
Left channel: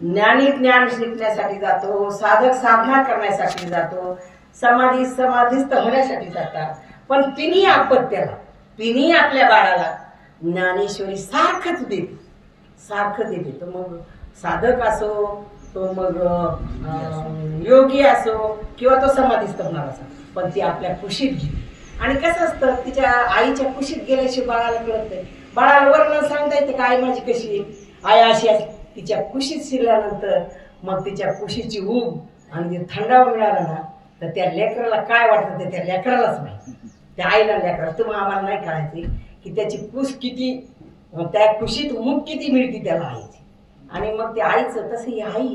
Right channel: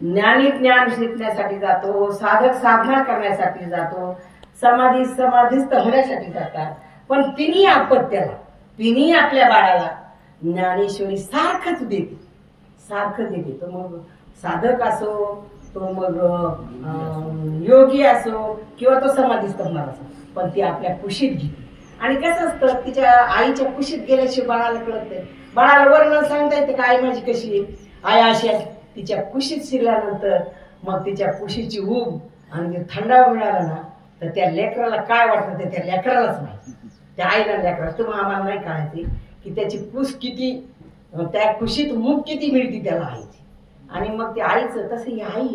ज्ञानी ज्ञान शिकण्यासाठी जातो, साधक साधना करण्यासाठी जातो, समाधीस्थ होण्यासाठी जातात. पण तिन्ही आपत्याला, तिन्ही आपल्या बाळाला ज्ञानेश्वरी सारखंच देते, सारखं देते. तो मग साधक असो, तो मग योगी असो, किंवा तो समाधीस्थ होणार असो, पण ती आपल्या कुशीत घेते. आणि कसं असतं, तिच्या आईच्या कुशीत गेल्याशिवाय बाळाला कळत नाही. बाळाला वर्णन सांगता येते का आई माझी कशी आहे, आई अशी आहे. तिच्या कुशीत शिरल्यानंतर मग तिच्या कुशीची ऊब आणि ते थंडावा मिळाला ना, तर त्या लेकराला काय वाटतं ते त्या लेकरालाच माहिती, त्या आईला लेकराला. तुम्हाला आम्हाला नाही कळायचे की त्याची कुश किती, त्या कुशीत ऊब किती मिळते त्याला आईची. आणि मग ते आईचं तसं ही आई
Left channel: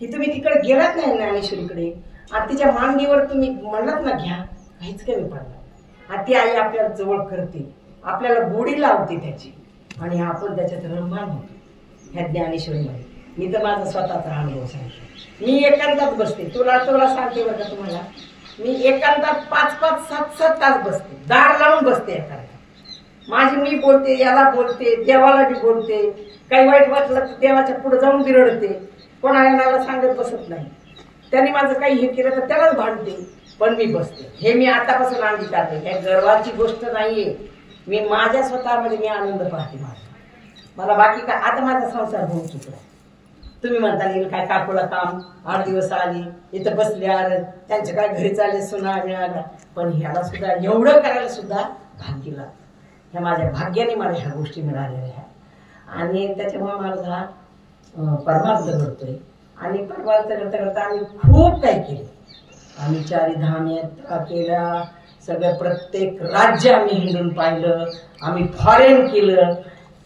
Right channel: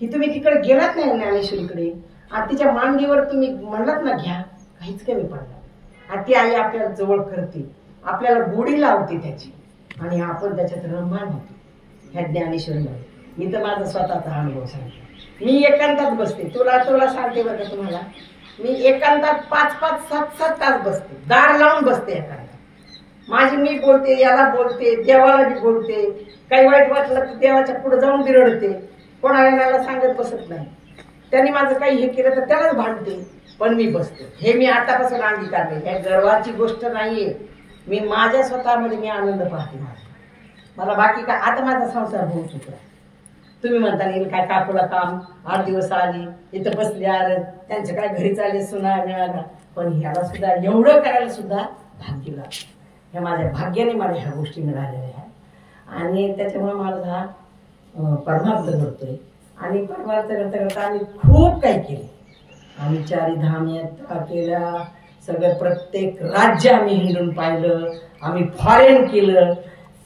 ही, तुम्ही तिकडे गेलात नाही ज्ञानेश्वरीकडे, आणि तिच्या मांडीवर तुम्ही म्हणलात ना घ्या, काहीच कमी पडणार. आणि ती आई आपल्याला जवळ करते, आपल्याला गोडी लावते त्याची, आणि आपण त्याच्यात रममाण होतो ह्या ज्ञानेश्वरीमध्ये. मी तर माझा स्वतःचा अनुभव सांगते. मी एकांतात बसते, तुला सांगते बरं का तुम्हाला, मी एकांतात 5-5, 7-7 तास बसते, दार लावून बसते एकांतात. माझी मी बोलते, याला बोलते, देवाला बी बोलते, काही वाईट वाटलं तर देवाच्या पुढे जाऊन बिरडते, कोणाला मला सांगत बसत नाही. त्यांनी माझं काही हे केलं तर त्यालाच भांडते, पण मी बसते. हे मी आतापासून अंगीकारले, काही गर्वाची गोष्ट नाहीये. मी माझ्या स्वतःमध्ये मी आनंद पाहते. मला बाकी काय, आता माझा संसार होऊ चुकला. तुम्ही म्हणता येईल काय काकूला काम, 8 दिवस आली इथं बसली, आलं त्यांच्या काय घरी चालले सुना मिळाला, पण ह्याला सुद्धा एवढं करायला सुद्धा भाग्य लागलं. ह्या माझ्या भाग्याने मला ह्या गोष्टी मिळालेल्या आहेत. आणि त्याच्यामुळे माझा परमार्थ घडतोय. आणि परमार्थ करता करता आम्ही खूप काही केले. आम्ही 4 धाम यात्रा केल्या, सगळं प्रत्येक राज्य आम्ही हिंडून पाहिलं. आम्ही फॉरेन केलं.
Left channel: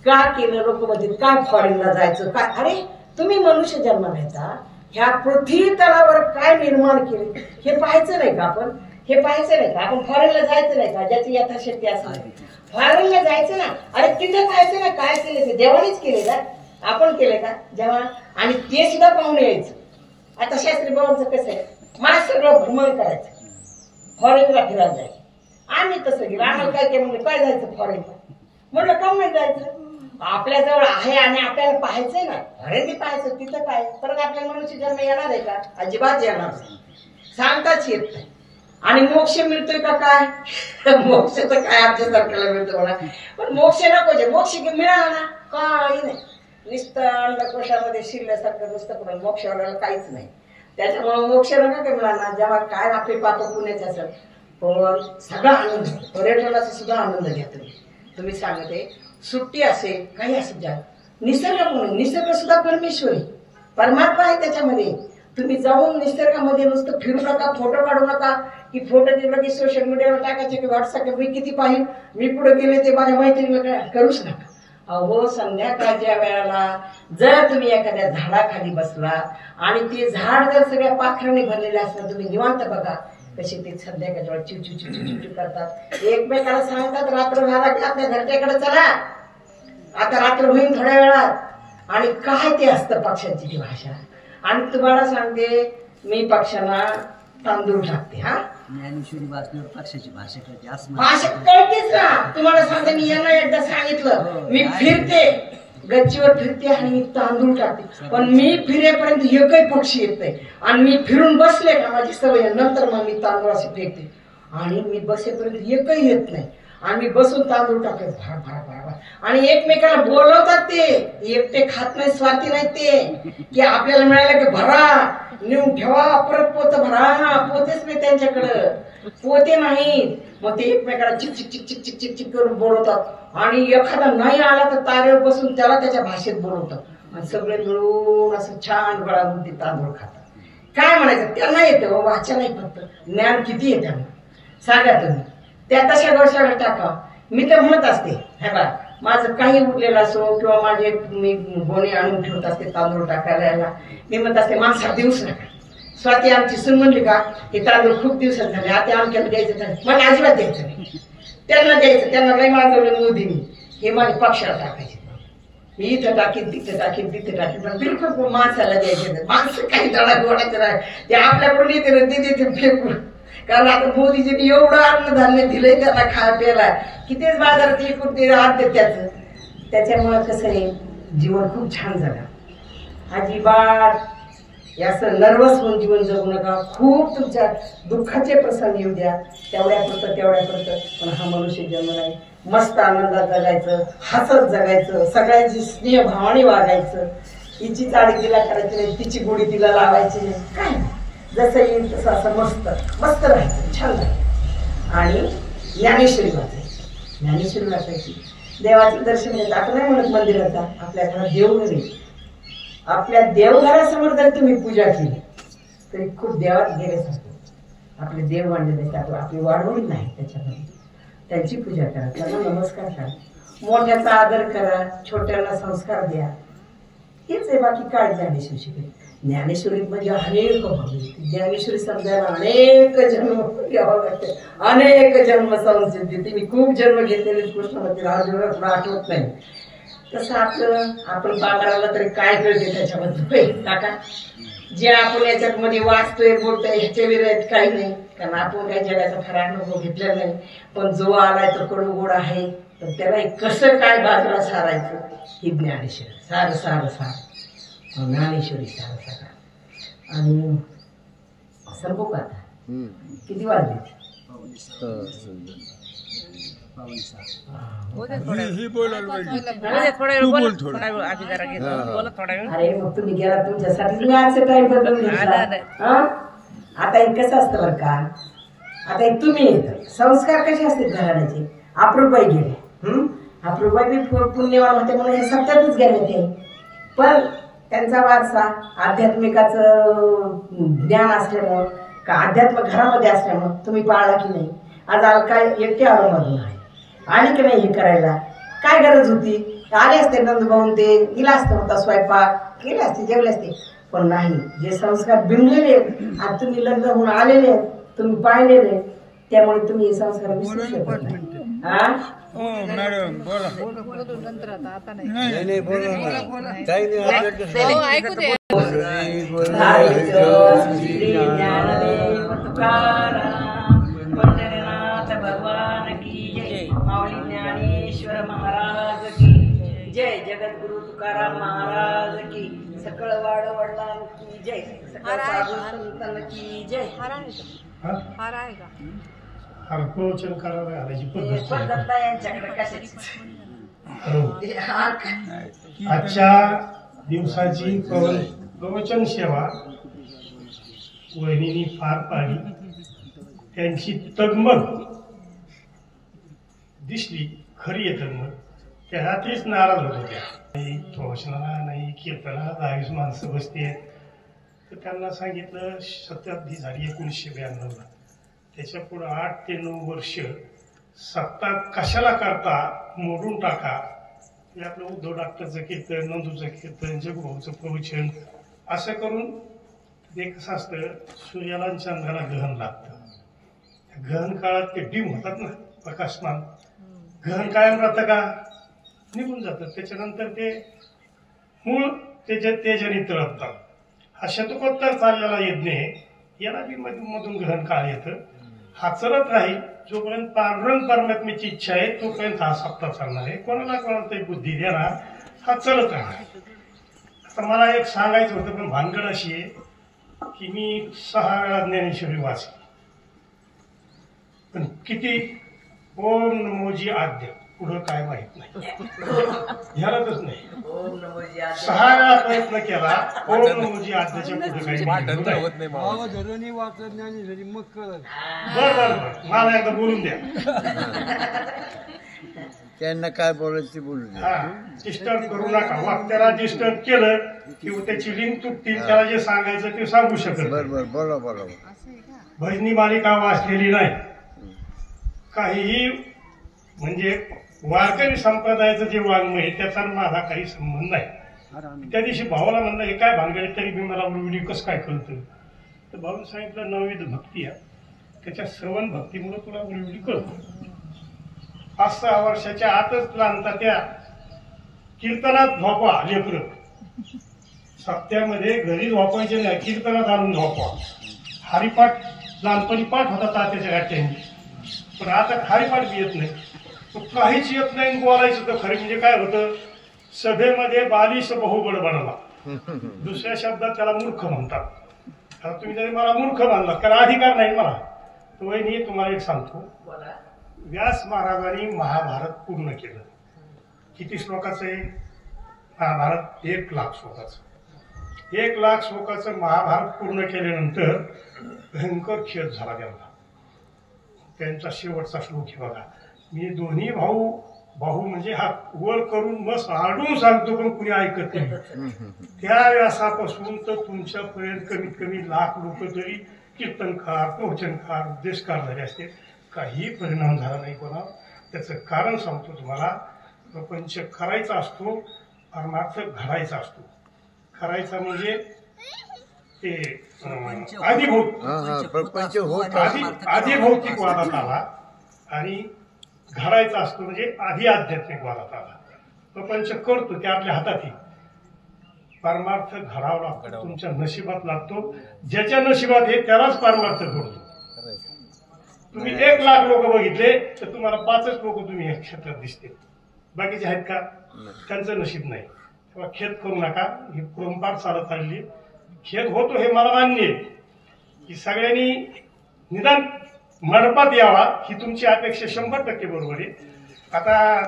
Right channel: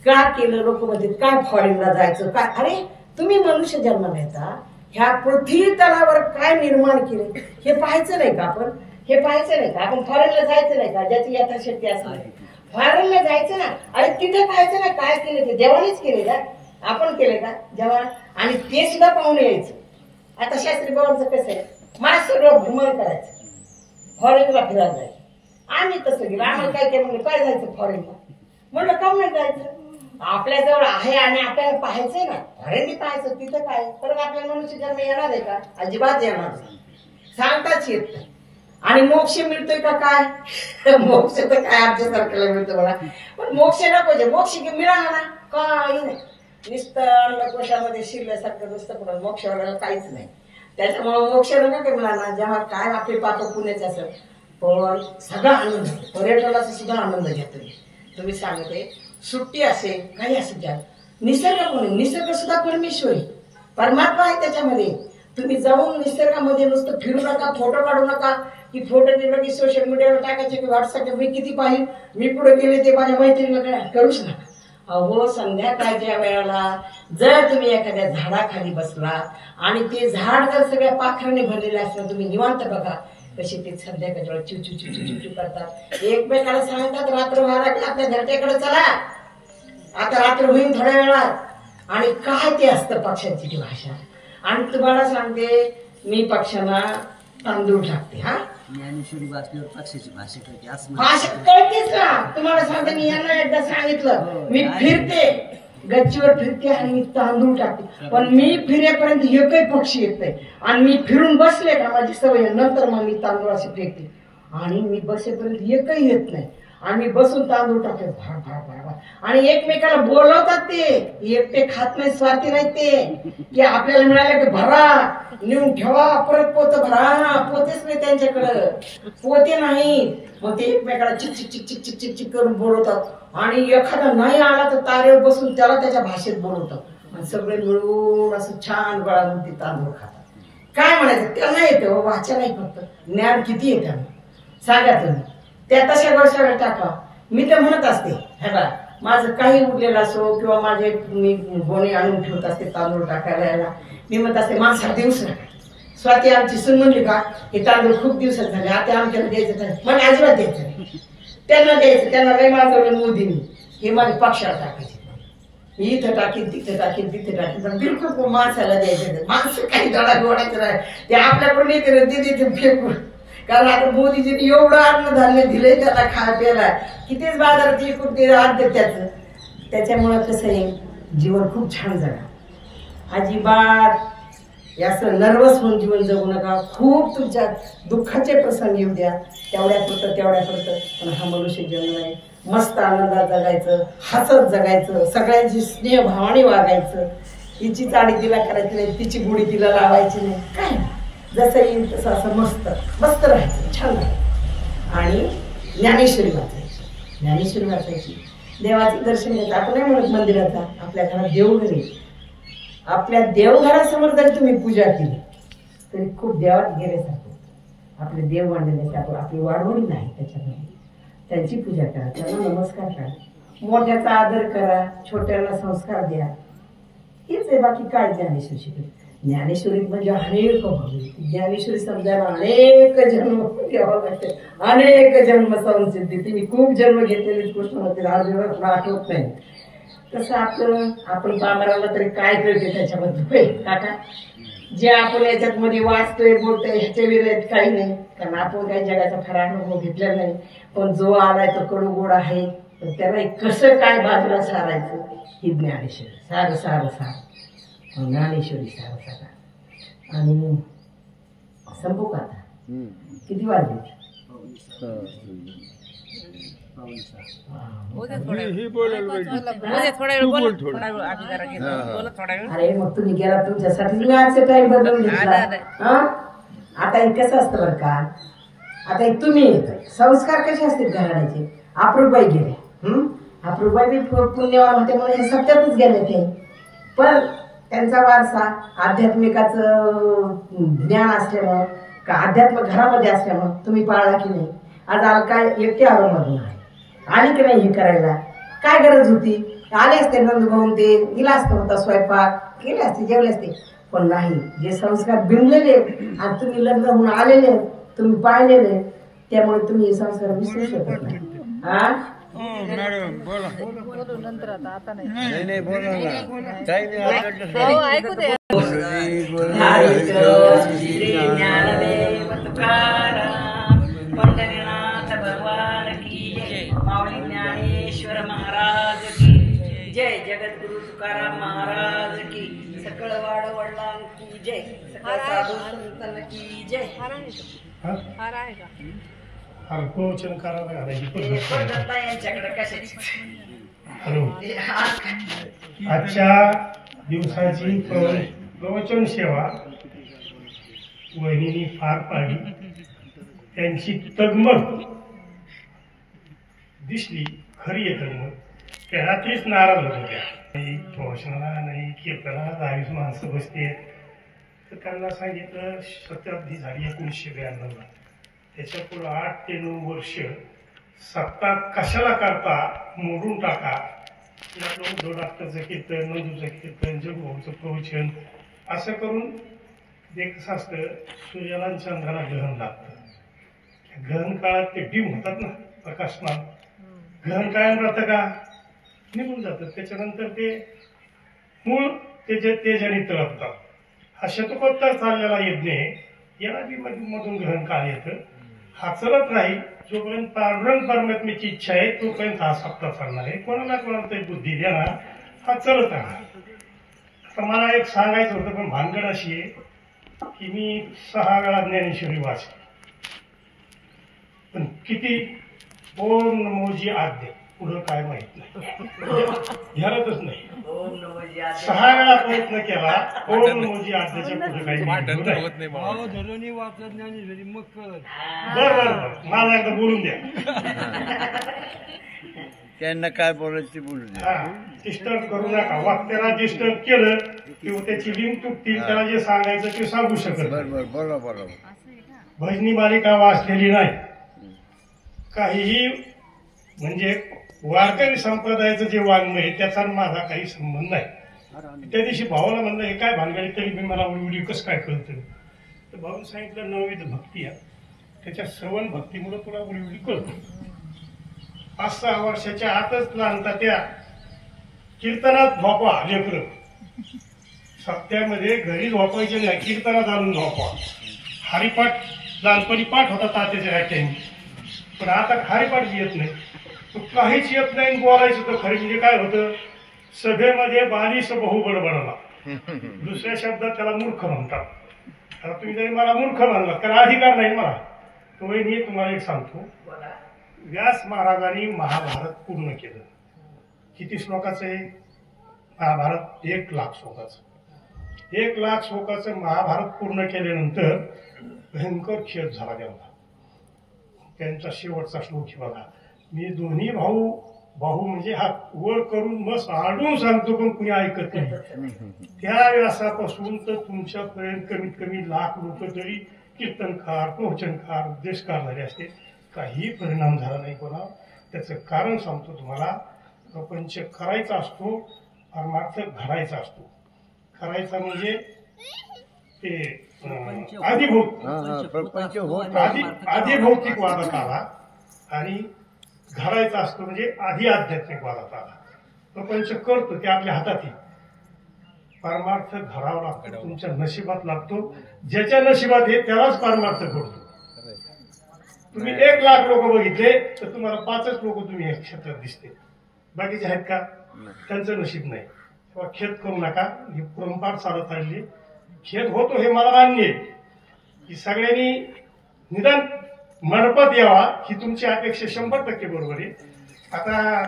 का केलं? लोक म्हणतात काय फॉरेनला जायचं काय? अरे तुम्ही मनुष्य जन्माला येता, ह्या पृथ्वी तलावर काय निर्माण केले हे पाहायचं नाही का आपण? हे पाहायचं नाही का आपण? फॉरेनला जायचं नाही का? ज्याची यथाशक्ती असेल फॉरेनला जायचं ना. अरे तिथे पाहायचं ना काय केलं ते देवानेच केले का? आपण केले का जेव्हा? आणि ते सुद्धा पाहून यायचं. आता शास्त्री बाबांचं कसं आहे, मला सगळं भ्रमण करायचं, फॉरेनला फिरायला जायचं. आम्ही तसं गेलो. आम्हाला काय केलं म्हणजे काय जायचं फॉरेनला? म्हणलं का नाही जायचं? आपल्याजवळ आहे आणि आपल्याला पाहायचंय ना. अरे ते पाहायचं तिथं काय? परत आपल्याला मनुष्य जन्म येणार आहे का? अजिबात येणार नाही, सांगताच येत नाही. आणि मोक्ष मिळतोय का काय? मोक्ष तर काय आमच्या सरकारला मिळतो म्हणा, पण मोक्ष नको जे मोक्ष मिळाला ना काही नाही, नुसतं अंडकोशामध्ये शिरल्यासारखं नुसतं पण मोक्ष वगैरे काहीच नाही. त्याच्यामुळे मोक्ष नका काही मुलांना, जेव्हा काय आपले पाप पुण्याचे असं पण सगळा आनंद, पर्यटनाचा सुद्धा आनंद घ्या तुम्ही सांगते. सुट्टी असेल काही असेल द्या, निसर्ग सुद्धा परमेश्वर आहे, परमात्मा आहे त्याच्यामध्ये. तुम्ही जाऊन निसर्गामध्ये नुसतं फिरू नका, फोटो काढू नका. की फोटो दिला की सोशल मीडियावर टाकायचे की व्हॉट्सअपला मी किती पाहिजे, मी पुढे गेले ते माझ्या मैत्रिणीला करूच नका. अहो संध्याकाळच्या वेळेला जर तुम्ही एखाद्या झाडाखाली बसला आणि ते झाड जर सगळ्या पाखराने भरलेले असलं, तुम्ही निवांत बघा कसे ते संध्याकाळच्या वेळेला चिव चिव चिव चिव चिव करतात, एकमेकाला सांगतात रात्र झाला की आपल्या घरच्याकडे चला, आता रात्र होईल थोड्या वेळात. आणि काय ते असतं पक्ष्यांची ती भाषा. आणि तुम्हाला सांगते मी पक्ष्यांना तांदूळ टाकते. हा ज्ञानेश्वरी वाचल्यावर पक्षाची भाषा कळते असं भाषा कळतेच ना. तुम्हाला सांगते मी यांना एकदा सांगितलं, मी फिरते गच्चीवर फिरते आणि मी तांदूळ टाकते, पण मी फिरेपर्यंत एकही पक्षी येत नाही. आणि मी फिरून बसले का माझी सवय, नंतर मग मी तांदूळ असे फेकते आणि मी बसेपर्यंत एकही येत नाही. आणि मी बसून तांदूळ टाकते भार भार भार भार. आणि एकमेकाला बोलवतात, ते एकटे खात नाही, स्वार्थी नाही ते, की आपल्याला मिळालं की भरा नेऊन ठेवा, परत पोत भरा. पोतेच नाही त्यांच्याकडं, पोते नाहीत. मग ते एकमेकाला चिक चिक चिक चिक चिक चिक चिक करून बोलवतात. आणि एखादा नाही आला तर तारेवर बसून त्याला त्याच्या भाषेत बोलवतात. आणि सगळे मिळून असं छान गळावून ते तांदूळ खातात. काय म्हणायचं त्यांना येतं, वाचा नाही फक्त ज्ञान किती येतं त्यांना सांगा तुम्ही. त्या तशा गोष्टी टाका. मी तर म्हणत असते, हे बा माझं काही उरलेलं असो किंवा माझे मी बोने आणून ठेवत असते तांदूळ टाकायला यायला, मी म्हणत असते माणसा देऊच नका. स्वाती आमची सून म्हणली का हे तांदूळ खूप दिवसात झाले, आता आमच्याला द्यायचं नाही, मला अजिबात द्यायचं नाही. त्यांना द्यायचं, त्यांना काही मागवलं मोदींनी हे माझे पक्षाला टाकायचे. मी इथं टाकीन तिथं टाकीन तिथे टाकीन, पण बिलकुल माणसाला द्यायचं. माणसं काही दडा गोडायचं नाही, ते आपल्याकडून येते तिथे फेकून. कारण आता मोदीजींनी एवढं अन्नधान्य दिलंय त्याला प्यायला की तेच बाजारात विकून ते आणते त्याच्यामुळं कसं आहे जीवन खूप छान झालं. अजिबात असं नर्वस होऊन जीवन जगू नका. खूप तुमच्या दुःखाचे प्रसंग येऊ द्या, तेवढ्यापुरतं पण हा मनुष्य जन्म नाही. मस्त आनंदात जगायचं, हसत जगायचं, सगळ्यांची स्नेह भावाने वागायचं. हिची चाडी तिला करायची नाही, तिची गुढी तिला लावायची नाही, काय जसं येईल तसं असं मस्त मस्त राहायचं, छान राहायचं. आणि ज्ञानेश्वरी वाचायची, देवाचं दर्शन घ्यायचं. आपण नाही म्हणत मंदिराचा, आपल्या घरात देवघर आहे. आपल्या देवघरासमोर जर तुम्ही पूजा केली तरी खूप देवात गेल्यासारखं. आपले देव मांडले आपली वाढवणी नाही त्याच्यामध्ये, त्यांची पूजा करा, त्यांना नमस्कार करा, मोठ्याचा आदर करा, छोट्यांना संस्कार द्या. हेच आहे, बाकी काय ज्ञानेश्वरी शिकले. ज्ञानेश्वरीत म्हणजे अनेक भावी, ज्ञानेश्वरी समजायला अनेक जन्म घ्यावं लागते, अनेक जन्म संसिद्धी. मी खूप जन्म घेतलेले कृष्णामध्ये राजूला आठवत नाही. तसं आपण बाबराला तरी काय कळते त्याच्यामध्ये काका, जे आपण याच्यामध्ये वाचतोय बोलतोय ह्याच्या विरोधात काही नाही, कारण आपण काही जगाचा खरा अनुभव घेतलेला नाही. पण जो आलाय तो कडू गोड आहे, तर त्याला कसं काय बाजूला सारायचं ही ज्ञानेश्वरी. सार ज्ञानेश्वरी सार. आणि संपू का आता, किती वाजले? अरे मग तुम्ही गेला तुमच्यासाठी मी आजचा टाइम बदलून घेतला. आता हे कसं असतं बरं का, आता एक तुम्ही येत संस्कार कसे असतात घराण्याचे. अप्रूबाई गेले, अप्रूबाई बी पुण्यवान होते म्हणून हे सत्यातच गेले ते, पण त्यांचा वारसा आध्यात्मिकाचं ज्ञान असल्यामुळं का अध्यात्म घरामध्ये असल्यामुळं तुम्ही पाळला की नाही. आज आला काय एकटे आरोमधून आहे, आली की नाही हे करायला, काय गरज होती. आले असते नंदभाऊन ते गेला असतं, होता स्वयंपाक केले असते, जेवले असते. पण नाही, जे संस्कार बिनलेले आणि तुम्ही लग्न होऊन आलेले, तुम्ही पाळलेले, त्यामुळे तुम्ही हे संस्कार विसरू शकत नाही. भगवान की जय. माऊली ज्ञानेश्वर महाराज की जय. जगद्गुरु तुकाराम महाराज की. सकळ वडिलां की जय. सकळ साधू संतान की जय. हार आहे का? यांच्याकडे कशाची आजच्या दिवसाची प्रवचन सेवा वहिनींनी पार पाडली. त्यांची तगमग दिसली, खरी आहे तगमग. त्या रात्रीच नाराज होत होत्या. नाही प्रवचनाला, नाही कीर्तनाला 22 माणसं बसते. तर त्यांना सांगितलं शताब्दी झाली 1992. त्याच्या पुढे 8 ते 9 वर्ष सत्ता कशाला करता, मोडून टाका. आपलं उद्धव डॉक्टरचं कीर्तन, नंदूचं कीर्तन, जगभाऊचं प्रवचन असं करून ते कसं असतं, सूर्याला आणि चंद्राला ग्रहण लागतं. ग्रहण काळात ते डिम होतात ना, प्रकाशमान. ग्रहण कायम राहतं का, निघून जातं. त्याच्यानंतर ते मूळ त्याच्या तेजाने तळपतात. हा शतकोत्तर चाललेला यज्ञ आहे, याला बी मधून ग्रहण काळ येतं. हा चलत राहील जोपर्यंत पांडुरंग परमात्म्याची इच्छा आहे तोपर्यंत हा सप्ताह चालणार आहे. कोणाला कोणाला तरी बुद्धी देणार, हा चलत राहणार. आता मला एक सांगायचं होतं, पण भानगड अशी आहे की मी 6 वेळा ज्ञानेश्वरी वाचली, पण किती ओम नमोजी आद्य पुढं काय माहित नाही, ध्यानातच नाही. 6 वेळा प्रयत्न केला, ओम नमोजी आद्याच्या पुढे काही नाही. बर मला एकदा बोलून द्या. त्यांना काय बोलायचं ते बोलू द्या. डिस्टर्ब करू नका. वाक्याला डिस्टर्ब केलं किंवा त्याची लिंक तुटतील, त्याला जे सांगायचं ते सांगू शकत. बरोबर, बोला बोला. भजनी मालिका वाचलेली नाही, काहीही म्हणजे वारकरी संप्रदायाचं जे वाङ्मय त्याचा माझा काही संबंध नाही. त्या दिवशी भावाला म्हणलं हे काय भानगडी, तरी बी मला व्हिडिओ कसं काय कळतं. तर भाऊने सांगितलं नवविध भक्ती आहे, त्याच्या श्रवण भक्तीमुळे तुला व्हिडिओ कळतो. 5-6 वर्षाच्या आतच लहानता त्या कीर्तनात झोपवा लेकर. सप्त्यामध्ये घरी झोपायचे नाही, कीर्तनात आणून झोपवा. हरिपाठ लहानपणी पाठ होता तात्याच्या व्याख्याने, पण आता हरिपाठ बी येत नाही, काहीच येत नाही. बोलायचं तर खरं म्हणजे काय होतं, सभेमध्ये बालिश बहु बडबडला, दुसऱ्या शब्दात त्याला मूर्ख म्हणतात. आता तुम्ही जरी मला मूर्ख म्हणला त्याला अधिकार नाही मला. तो मी तुम्हाला एक सांगतो, व्यास महाराजांनी महाभारत पूर्ण केलं. किती श्लोकाचं आहे महाभारत? 1 लाख श्लोकाचं. 1 लाख श्लोकाचं महाभारत पूर्ण केल्यानंतर भयंकर खेद झाला त्यांना. त्यांचा शेवटचा श्लोक हे बघा, मी दोन्ही भाऊ म्हणजे हात वर करून मस्त आडून सांगतो, पण कुणी ऐकत नाही. त्या व्यासापासून तर तुमच्यापर्यंत कमीत कमी 1 लाख लोक तरी कीर्तनकार, प्रवचनकार, उपदेशकार झाले असते, काही परिणाम झाला नाही कोणा. त्याचं कारण सांगतो तुम्हाला. प्रपंच करायचा असतो, परमार्थ घडायचा असतो. करायचा म्हणजे ते आधिभौतिक वादात आला, आणि घडायचा असतो म्हणजे आधी आध्यात्मिक वादात आला. प्रपंच करतो ते आपल्या हातात. परमार्थ घडावा लागतो, तुमच्या नशिबात लागतो. ज्याच्या नशिबात हे त्यालाच परमार्थ घडतो. तुम्ही 1 लाख लोक बघितले तर तुम्हाला 5च लोक तुम्ही या क्षेत्रात दिसते, बाकीचे आहेत का? त्यांचं नशीब नाही. तेव्हा खेद करू नका, ही परंपरा चालत आलेली. खेद होतो हे मला मान्य आहे की सगळ्यांनी निदान मंडपात यावा, ही तुमची अपेक्षा 100% बरोबर आहे. आता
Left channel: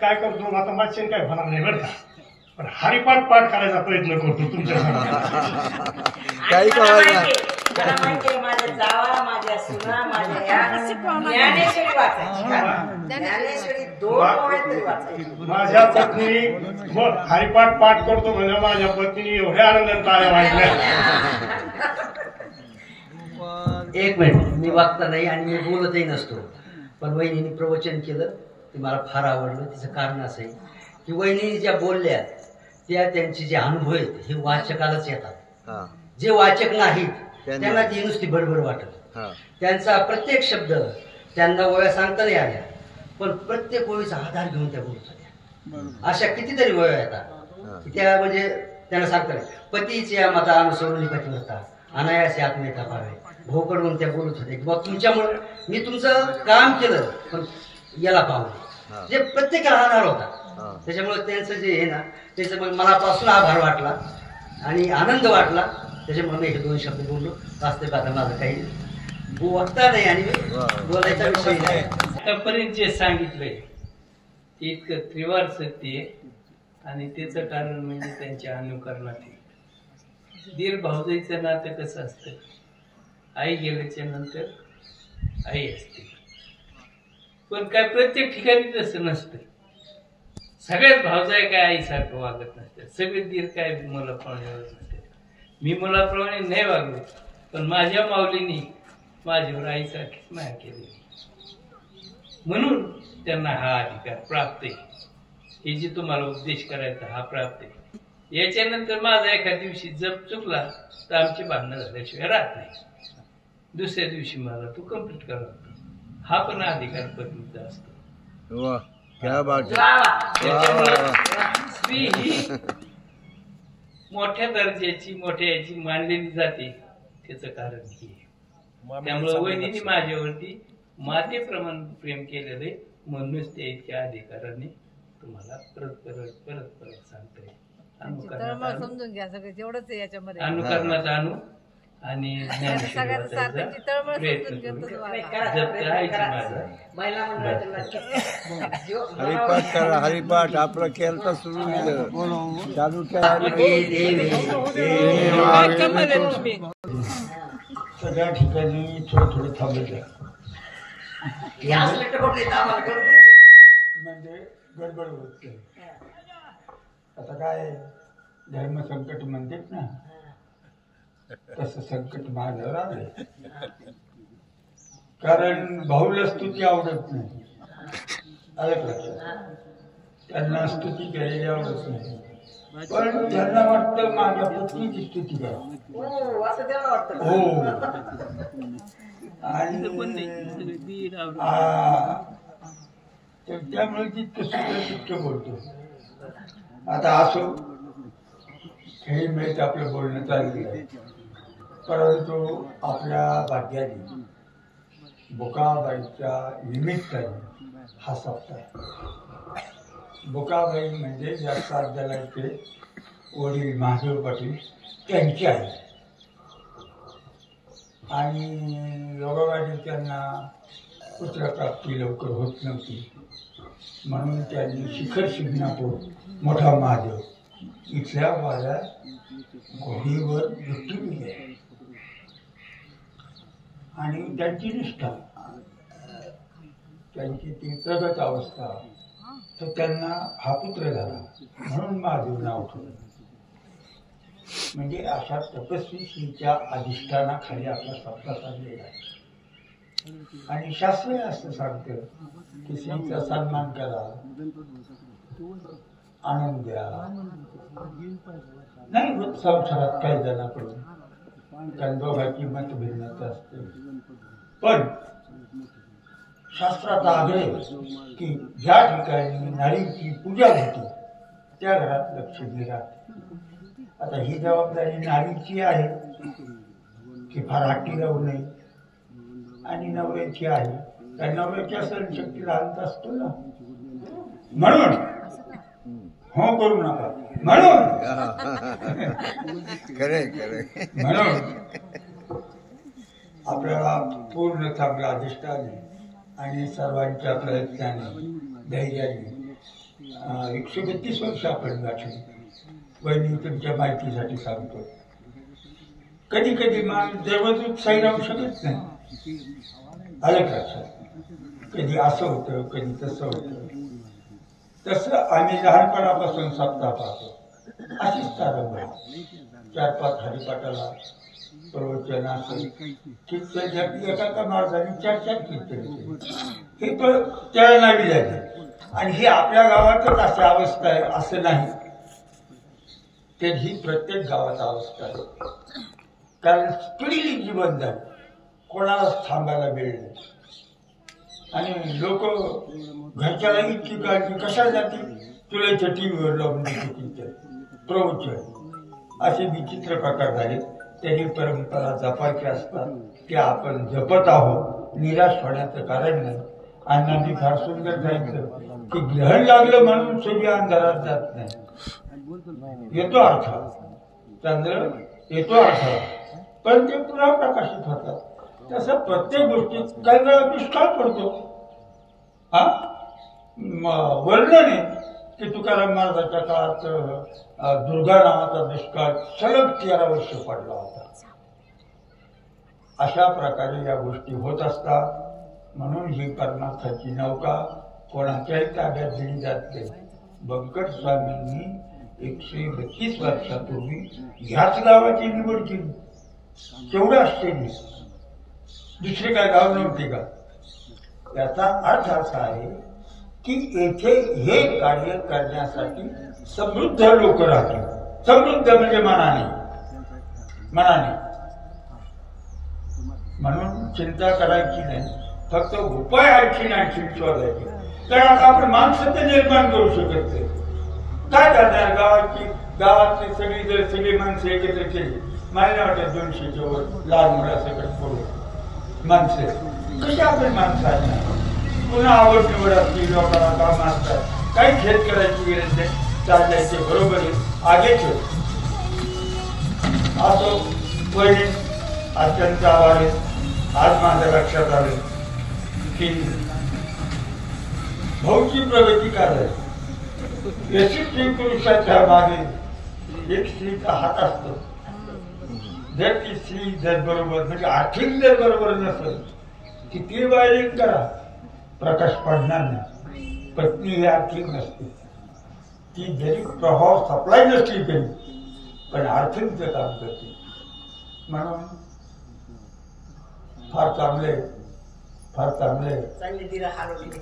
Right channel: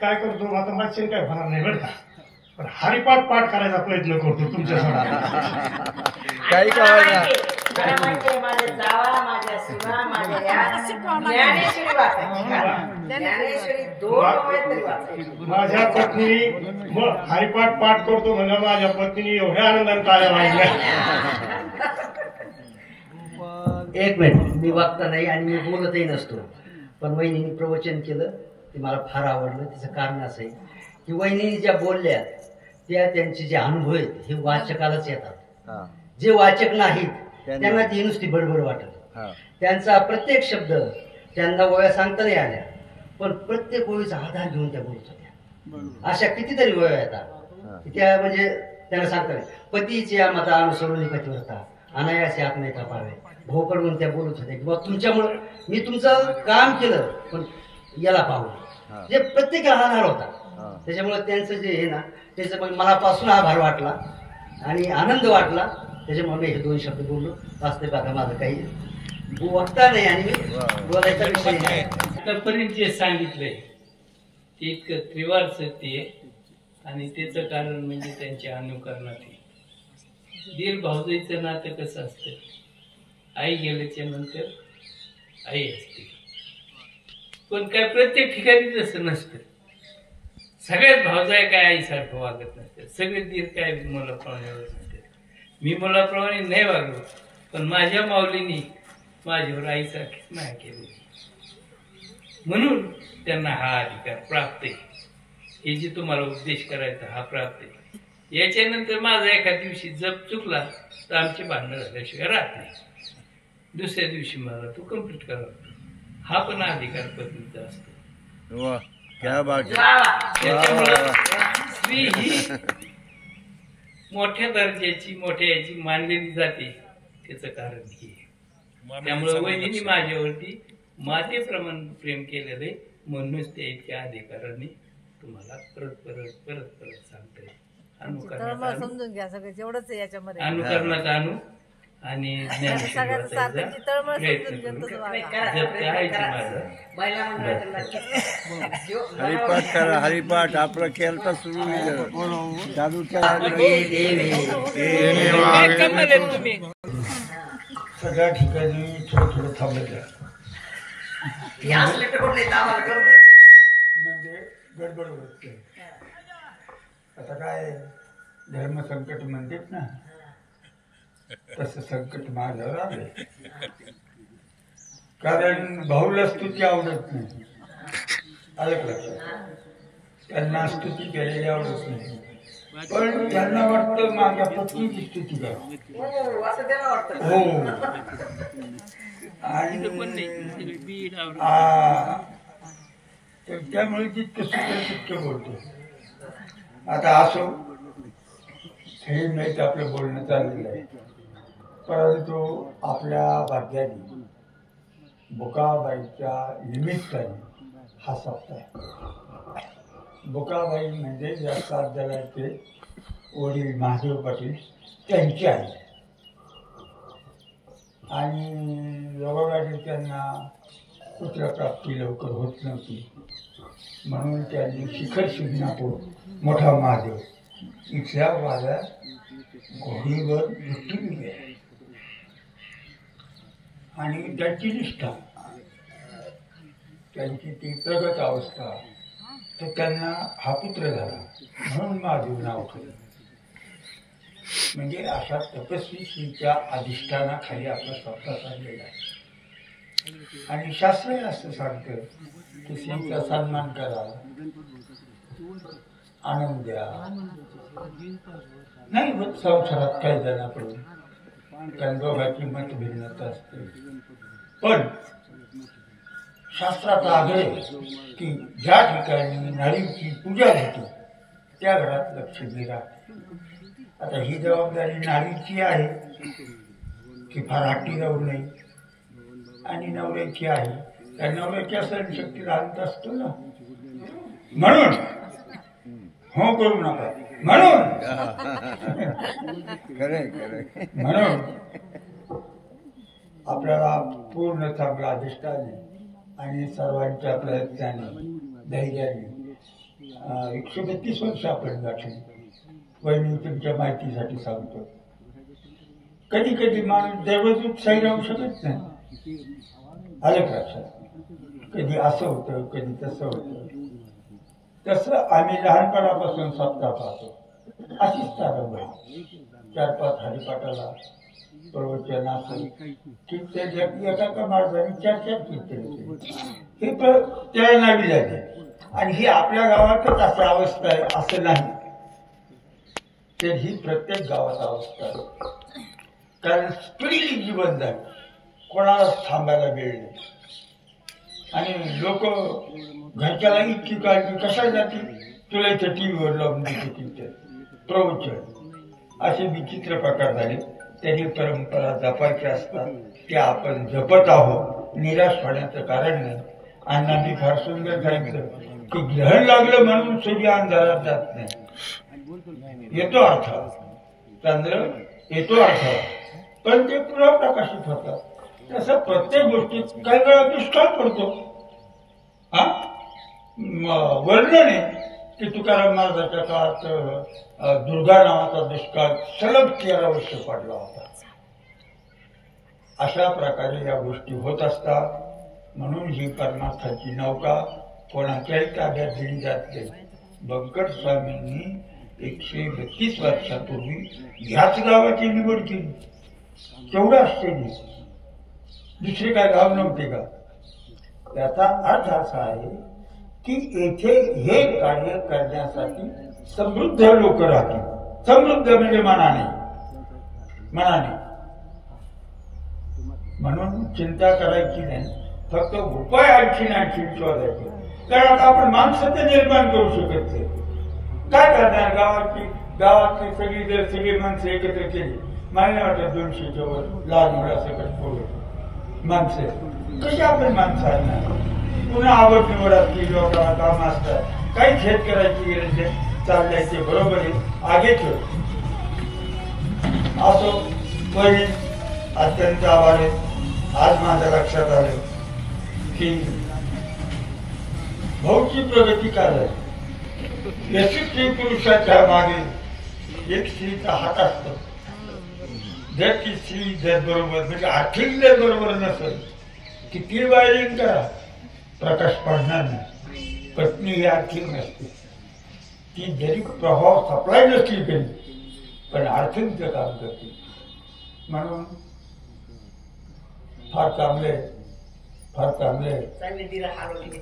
काय करतो, आता मागच्या काय होणार नाही बरं का, पण हरिपाठ पाठ करायचा प्रयत्न करतो तुमच्यासमोर. काही माझ्या जावा, माझ्या सुना, माझ्या ज्ञानेश्वरी वाचायची. ज्ञानेश्वरी 2 वेळा तरी वाचायची. माझ्या पत्नीने मग हरिपाठ पाठ करतो म्हणजे माझ्या पत्नीने एवढ्या आनंदात टाळ्या वाजल्या. एक मिनिट, मी वागता नाही आणि मी बोलतही नसतो, पण वहिनीने प्रवचन केलं ते मला फार आवडलं. त्याचं कारण असं आहे की वहिनी ज्या बोलल्या त्या त्यांचे जे अनुभव आहेत हे वाचकालाच येतात. जे वाचक नाहीत त्यांना ती नुसती बडबड वाटत. त्यांचा प्रत्येक शब्द त्यांना ओव्या सांगता नाही आल्या, पण प्रत्येक ओळीचा आधार घेऊन त्या बोलत होत्या. अशा कितीतरी ओव्या येतात त्या म्हणजे त्यांना सांगता नाही. पतीच्या मता अनुसरून पतिव्रता अनायासे आत्मेता पावे भोकडून त्या बोलत होत्या की बाबा तुमच्यामुळे मी तुमचं काम केलं, पण याला पाहून जे प्रत्येकाला आधार होता. त्याच्यामुळे त्यांचं जे आहे ना त्याचं मग मनापासून आभार वाटला आणि आनंद वाटला. त्याच्यामुळे मी हे 2 शब्द बोललो. वास्तविक आता माझं काही वक्ता नाही आणि मी बोलायचा विषय नाही. आतापर्यंत जे सांगितलंय ते इतकं त्रिवार सत्य आहे आणि त्याचं कारण म्हणजे त्यांच्या अनुकरणात आहे. दीर भावजाईचं नातं कसं असतं, आई गेल्याच्या नंतर आई असते, पण काय प्रत्येक ठिकाणी तसं नसतं. सगळ्यात भावजाई काय आईसारखं वागत नसतात, सगळे दीर काय मुलाप्रमाणे वागत नसतात. मी मुलाप्रमाणे नाही वागलो, पण माझ्या माऊलीनी माझ्यावर आईसारखीच माया केली, म्हणून त्यांना हा अधिकार प्राप्त आहे. हे जे तुम्हाला उपदेश करायचा हा प्राप्त आहे. याच्यानंतर माझा एका दिवशी जप चुकला तर आमचे भांडणं झाल्याशिवाय राहत नाही. दुसऱ्या दिवशी मला तो कम्प्लीट करावा, हा पण अधिकार पत्नीचा असतो. वा, क्या बात आहे. त्याच्यामुळं स्त्री ही मोठ्या दर्जाची मोठ्या याची मानलेली जाते, त्याचं कारण हे आहे. त्यामुळे वहिनीने माझ्यावरती मातेप्रमाणे प्रेम केलेलं आहे, म्हणूनच ते इतक्या अधिकाराने तुम्हाला परत परत परत परत सांगतोय. अनुकरणात समजून घ्या सगळं जेवढंच आहे याच्यामध्ये. अनुकरणात आणू आणि ज्ञानेश्वराचा प्रयत्न करू. जपते आईची माझा महिला मंडळात नक्की हरिपाठ करा, हरिपाठ आपलं केलं सुरू झालं, चालू करा. सगळ्या ठिकाणी थोडं थोडं थांबायचं, याच लेटरमध्ये आम्हाला करून द्यायचं. म्हणजे गडबड होते. आता काय धर्मसंकट म्हणतात ना, तसं संकट माझ्यावर आलं. कारण भाऊला स्तुती आवडत नाही, आलं लक्षात. त्यांना स्तुती केलेली आवडत नाही, पण त्यांना वाटतं माझ्या पत्नीची स्तुती करावी. हो, असं त्याला वाटतं. हो, आणि त्यामुळे जितकं सुद्धा तितकं बोलतो. आता असो, हे माहीत आपलं बोलणं चाललेलं आहे, परंतु आपल्या भाग्याने बुकाबाईच्या निमित्ताने हा सप्ताह. बुकाबाई म्हणजे या सातजणांचे वडील महादेव पाटील त्यांचे आहे, आणि योगाने त्यांना पुत्रप्राप्ती लवकर होत नव्हती, म्हणून त्यांनी शिखर शिंगणापूर मोठा महादेव इथल्या वाड्या घोडीवर लुटून गेले. आणि त्यांची निष्ठा, त्यांची ती प्रगत अवस्था, तर त्यांना हा पुत्र झाला म्हणून महादेव नाव ठेवलं. म्हणजे अशा तपस्वी स्त्रीच्या अधिष्ठानाखाली आपला सप्ताह चाललेला आहे. आणि शास्त्र असं सांगतं की स्त्रीचा सन्मान करा, आनंद द्या. नाही होत संसारात काही जणांकडून, कारण दोघांची मतभिन्नता असते, पण शास्त्रात आग्रह की ज्या ठिकाणी नारीची पूजा होती त्या घरात लक्ष्मी राहते. आता ही जबाबदारी नारीची आहे की फार हट्टी जाऊ नये, आणि नवऱ्याची आहे, कारण नवऱ्याच्या सहनशक्तीला अंत असतो ना. म्हणून हो करू नका, म्हणून खरे खरे म्हणून आपल्याला पूर्ण चांगला अधिष्ठाने आणि सर्वांच्या प्रयत्नाने धैर्याने 132 वर्ष आपण गाठली. वहिनी तुमच्या माहितीसाठी सांगतो, कधी कधी माणूस दररोज उत्साही राहू शकत नाही, आलं लक्षात. कधी असं होतं, कधी तसं होतं. तसं आम्ही लहानपणापासून सप्ताह पाहतो, अशीच तारंबळ. 4-5 हरिपाठाला प्रवचन असेल की एका माणसाने 4-4 कीर्तन केली, हे पण त्या नावी झाले. आणि ही आपल्या गावातच अशी अवस्था आहे असं नाही, तर ही प्रत्येक गावात अवस्था आहे. कारण स्पिरिट जीवन झालं, कोणालाच थांबायला वेळ नाही. आणि लोक घरच्याला इतकी काळजी कशा जाते, तुला इथं टी व्हीवर लावून देते प्रवचन, असे विचित्र प्रकार झाले. त्यांनी परंपरा जपायच्या असतात, त्या आपण जपत आहोत, निराश होण्याचं कारण नाही. अण्णांनी फार सुंदर सांगितलं की ग्रहण लागलं म्हणून सूर्य अंधारात जात नाही, येतो अर्थ, चंद्र येतो अर्थ, पण ते पुन्हा प्रकाशित होतात. तसं प्रत्येक गोष्टीत काही वेळा दुष्काळ पडतो, हा वर्णन आहे की तुकाराम महाराजांच्या काळात दुर्गा नावाचा दुष्काळ सलग 13 वर्ष पडला होता. अशा प्रकारे या गोष्टी होत असतात. म्हणून ही परमार्थाची नौका कोणाच्याही ताब्यात दिली जात नाही. बंकट स्वामींनी 132 वर्षापूर्वी ह्याच गावाची निवड केली. तेवढं आश्चर्य, दुसरे काय गाव नव्हते का? त्याचा अर्थ असा आहे की येथे हे कार्य करण्यासाठी समृद्ध लोक राहतील. समृद्ध म्हणजे मनाने. म्हणून चिंता करायची नाही, फक्त उपाय आणखी शोधायचे. कारण आता आपण माणसं निर्माण करू शकत नाही. काय करणार? गावातली सगळी माणसं एकत्र केली, मला वाटत 200च्या वर लहान मुलासकट पोरं माणसं कशी आपण माणसं आणणार? पुन्हा आवड निवड असली, लोकांना काम असतात, काही खेळ करायची गरज नाही. चाललंय ते बरोबर आहे, आगेच असो. पहिले अत्यंत आभार. आज माझ्या लक्षात आलं की भाऊची प्रगती काय आहे. यशस्वी पुरुषाच्या मागे एक स्त्रीचा हात असतो. जर ती स्त्री जर बरोबर म्हणजे आर्थिक जर बरोबर नसेल, किती वायरिंग करा, प्रकाश पडणार नाही. पत्नी ही आर्थिक नसते. ती जरी प्रभाव सप्लाय नसली तरी पण आर्थिकचं काम करते. म्हणून फार चांगले चांगली दिलं हलवली.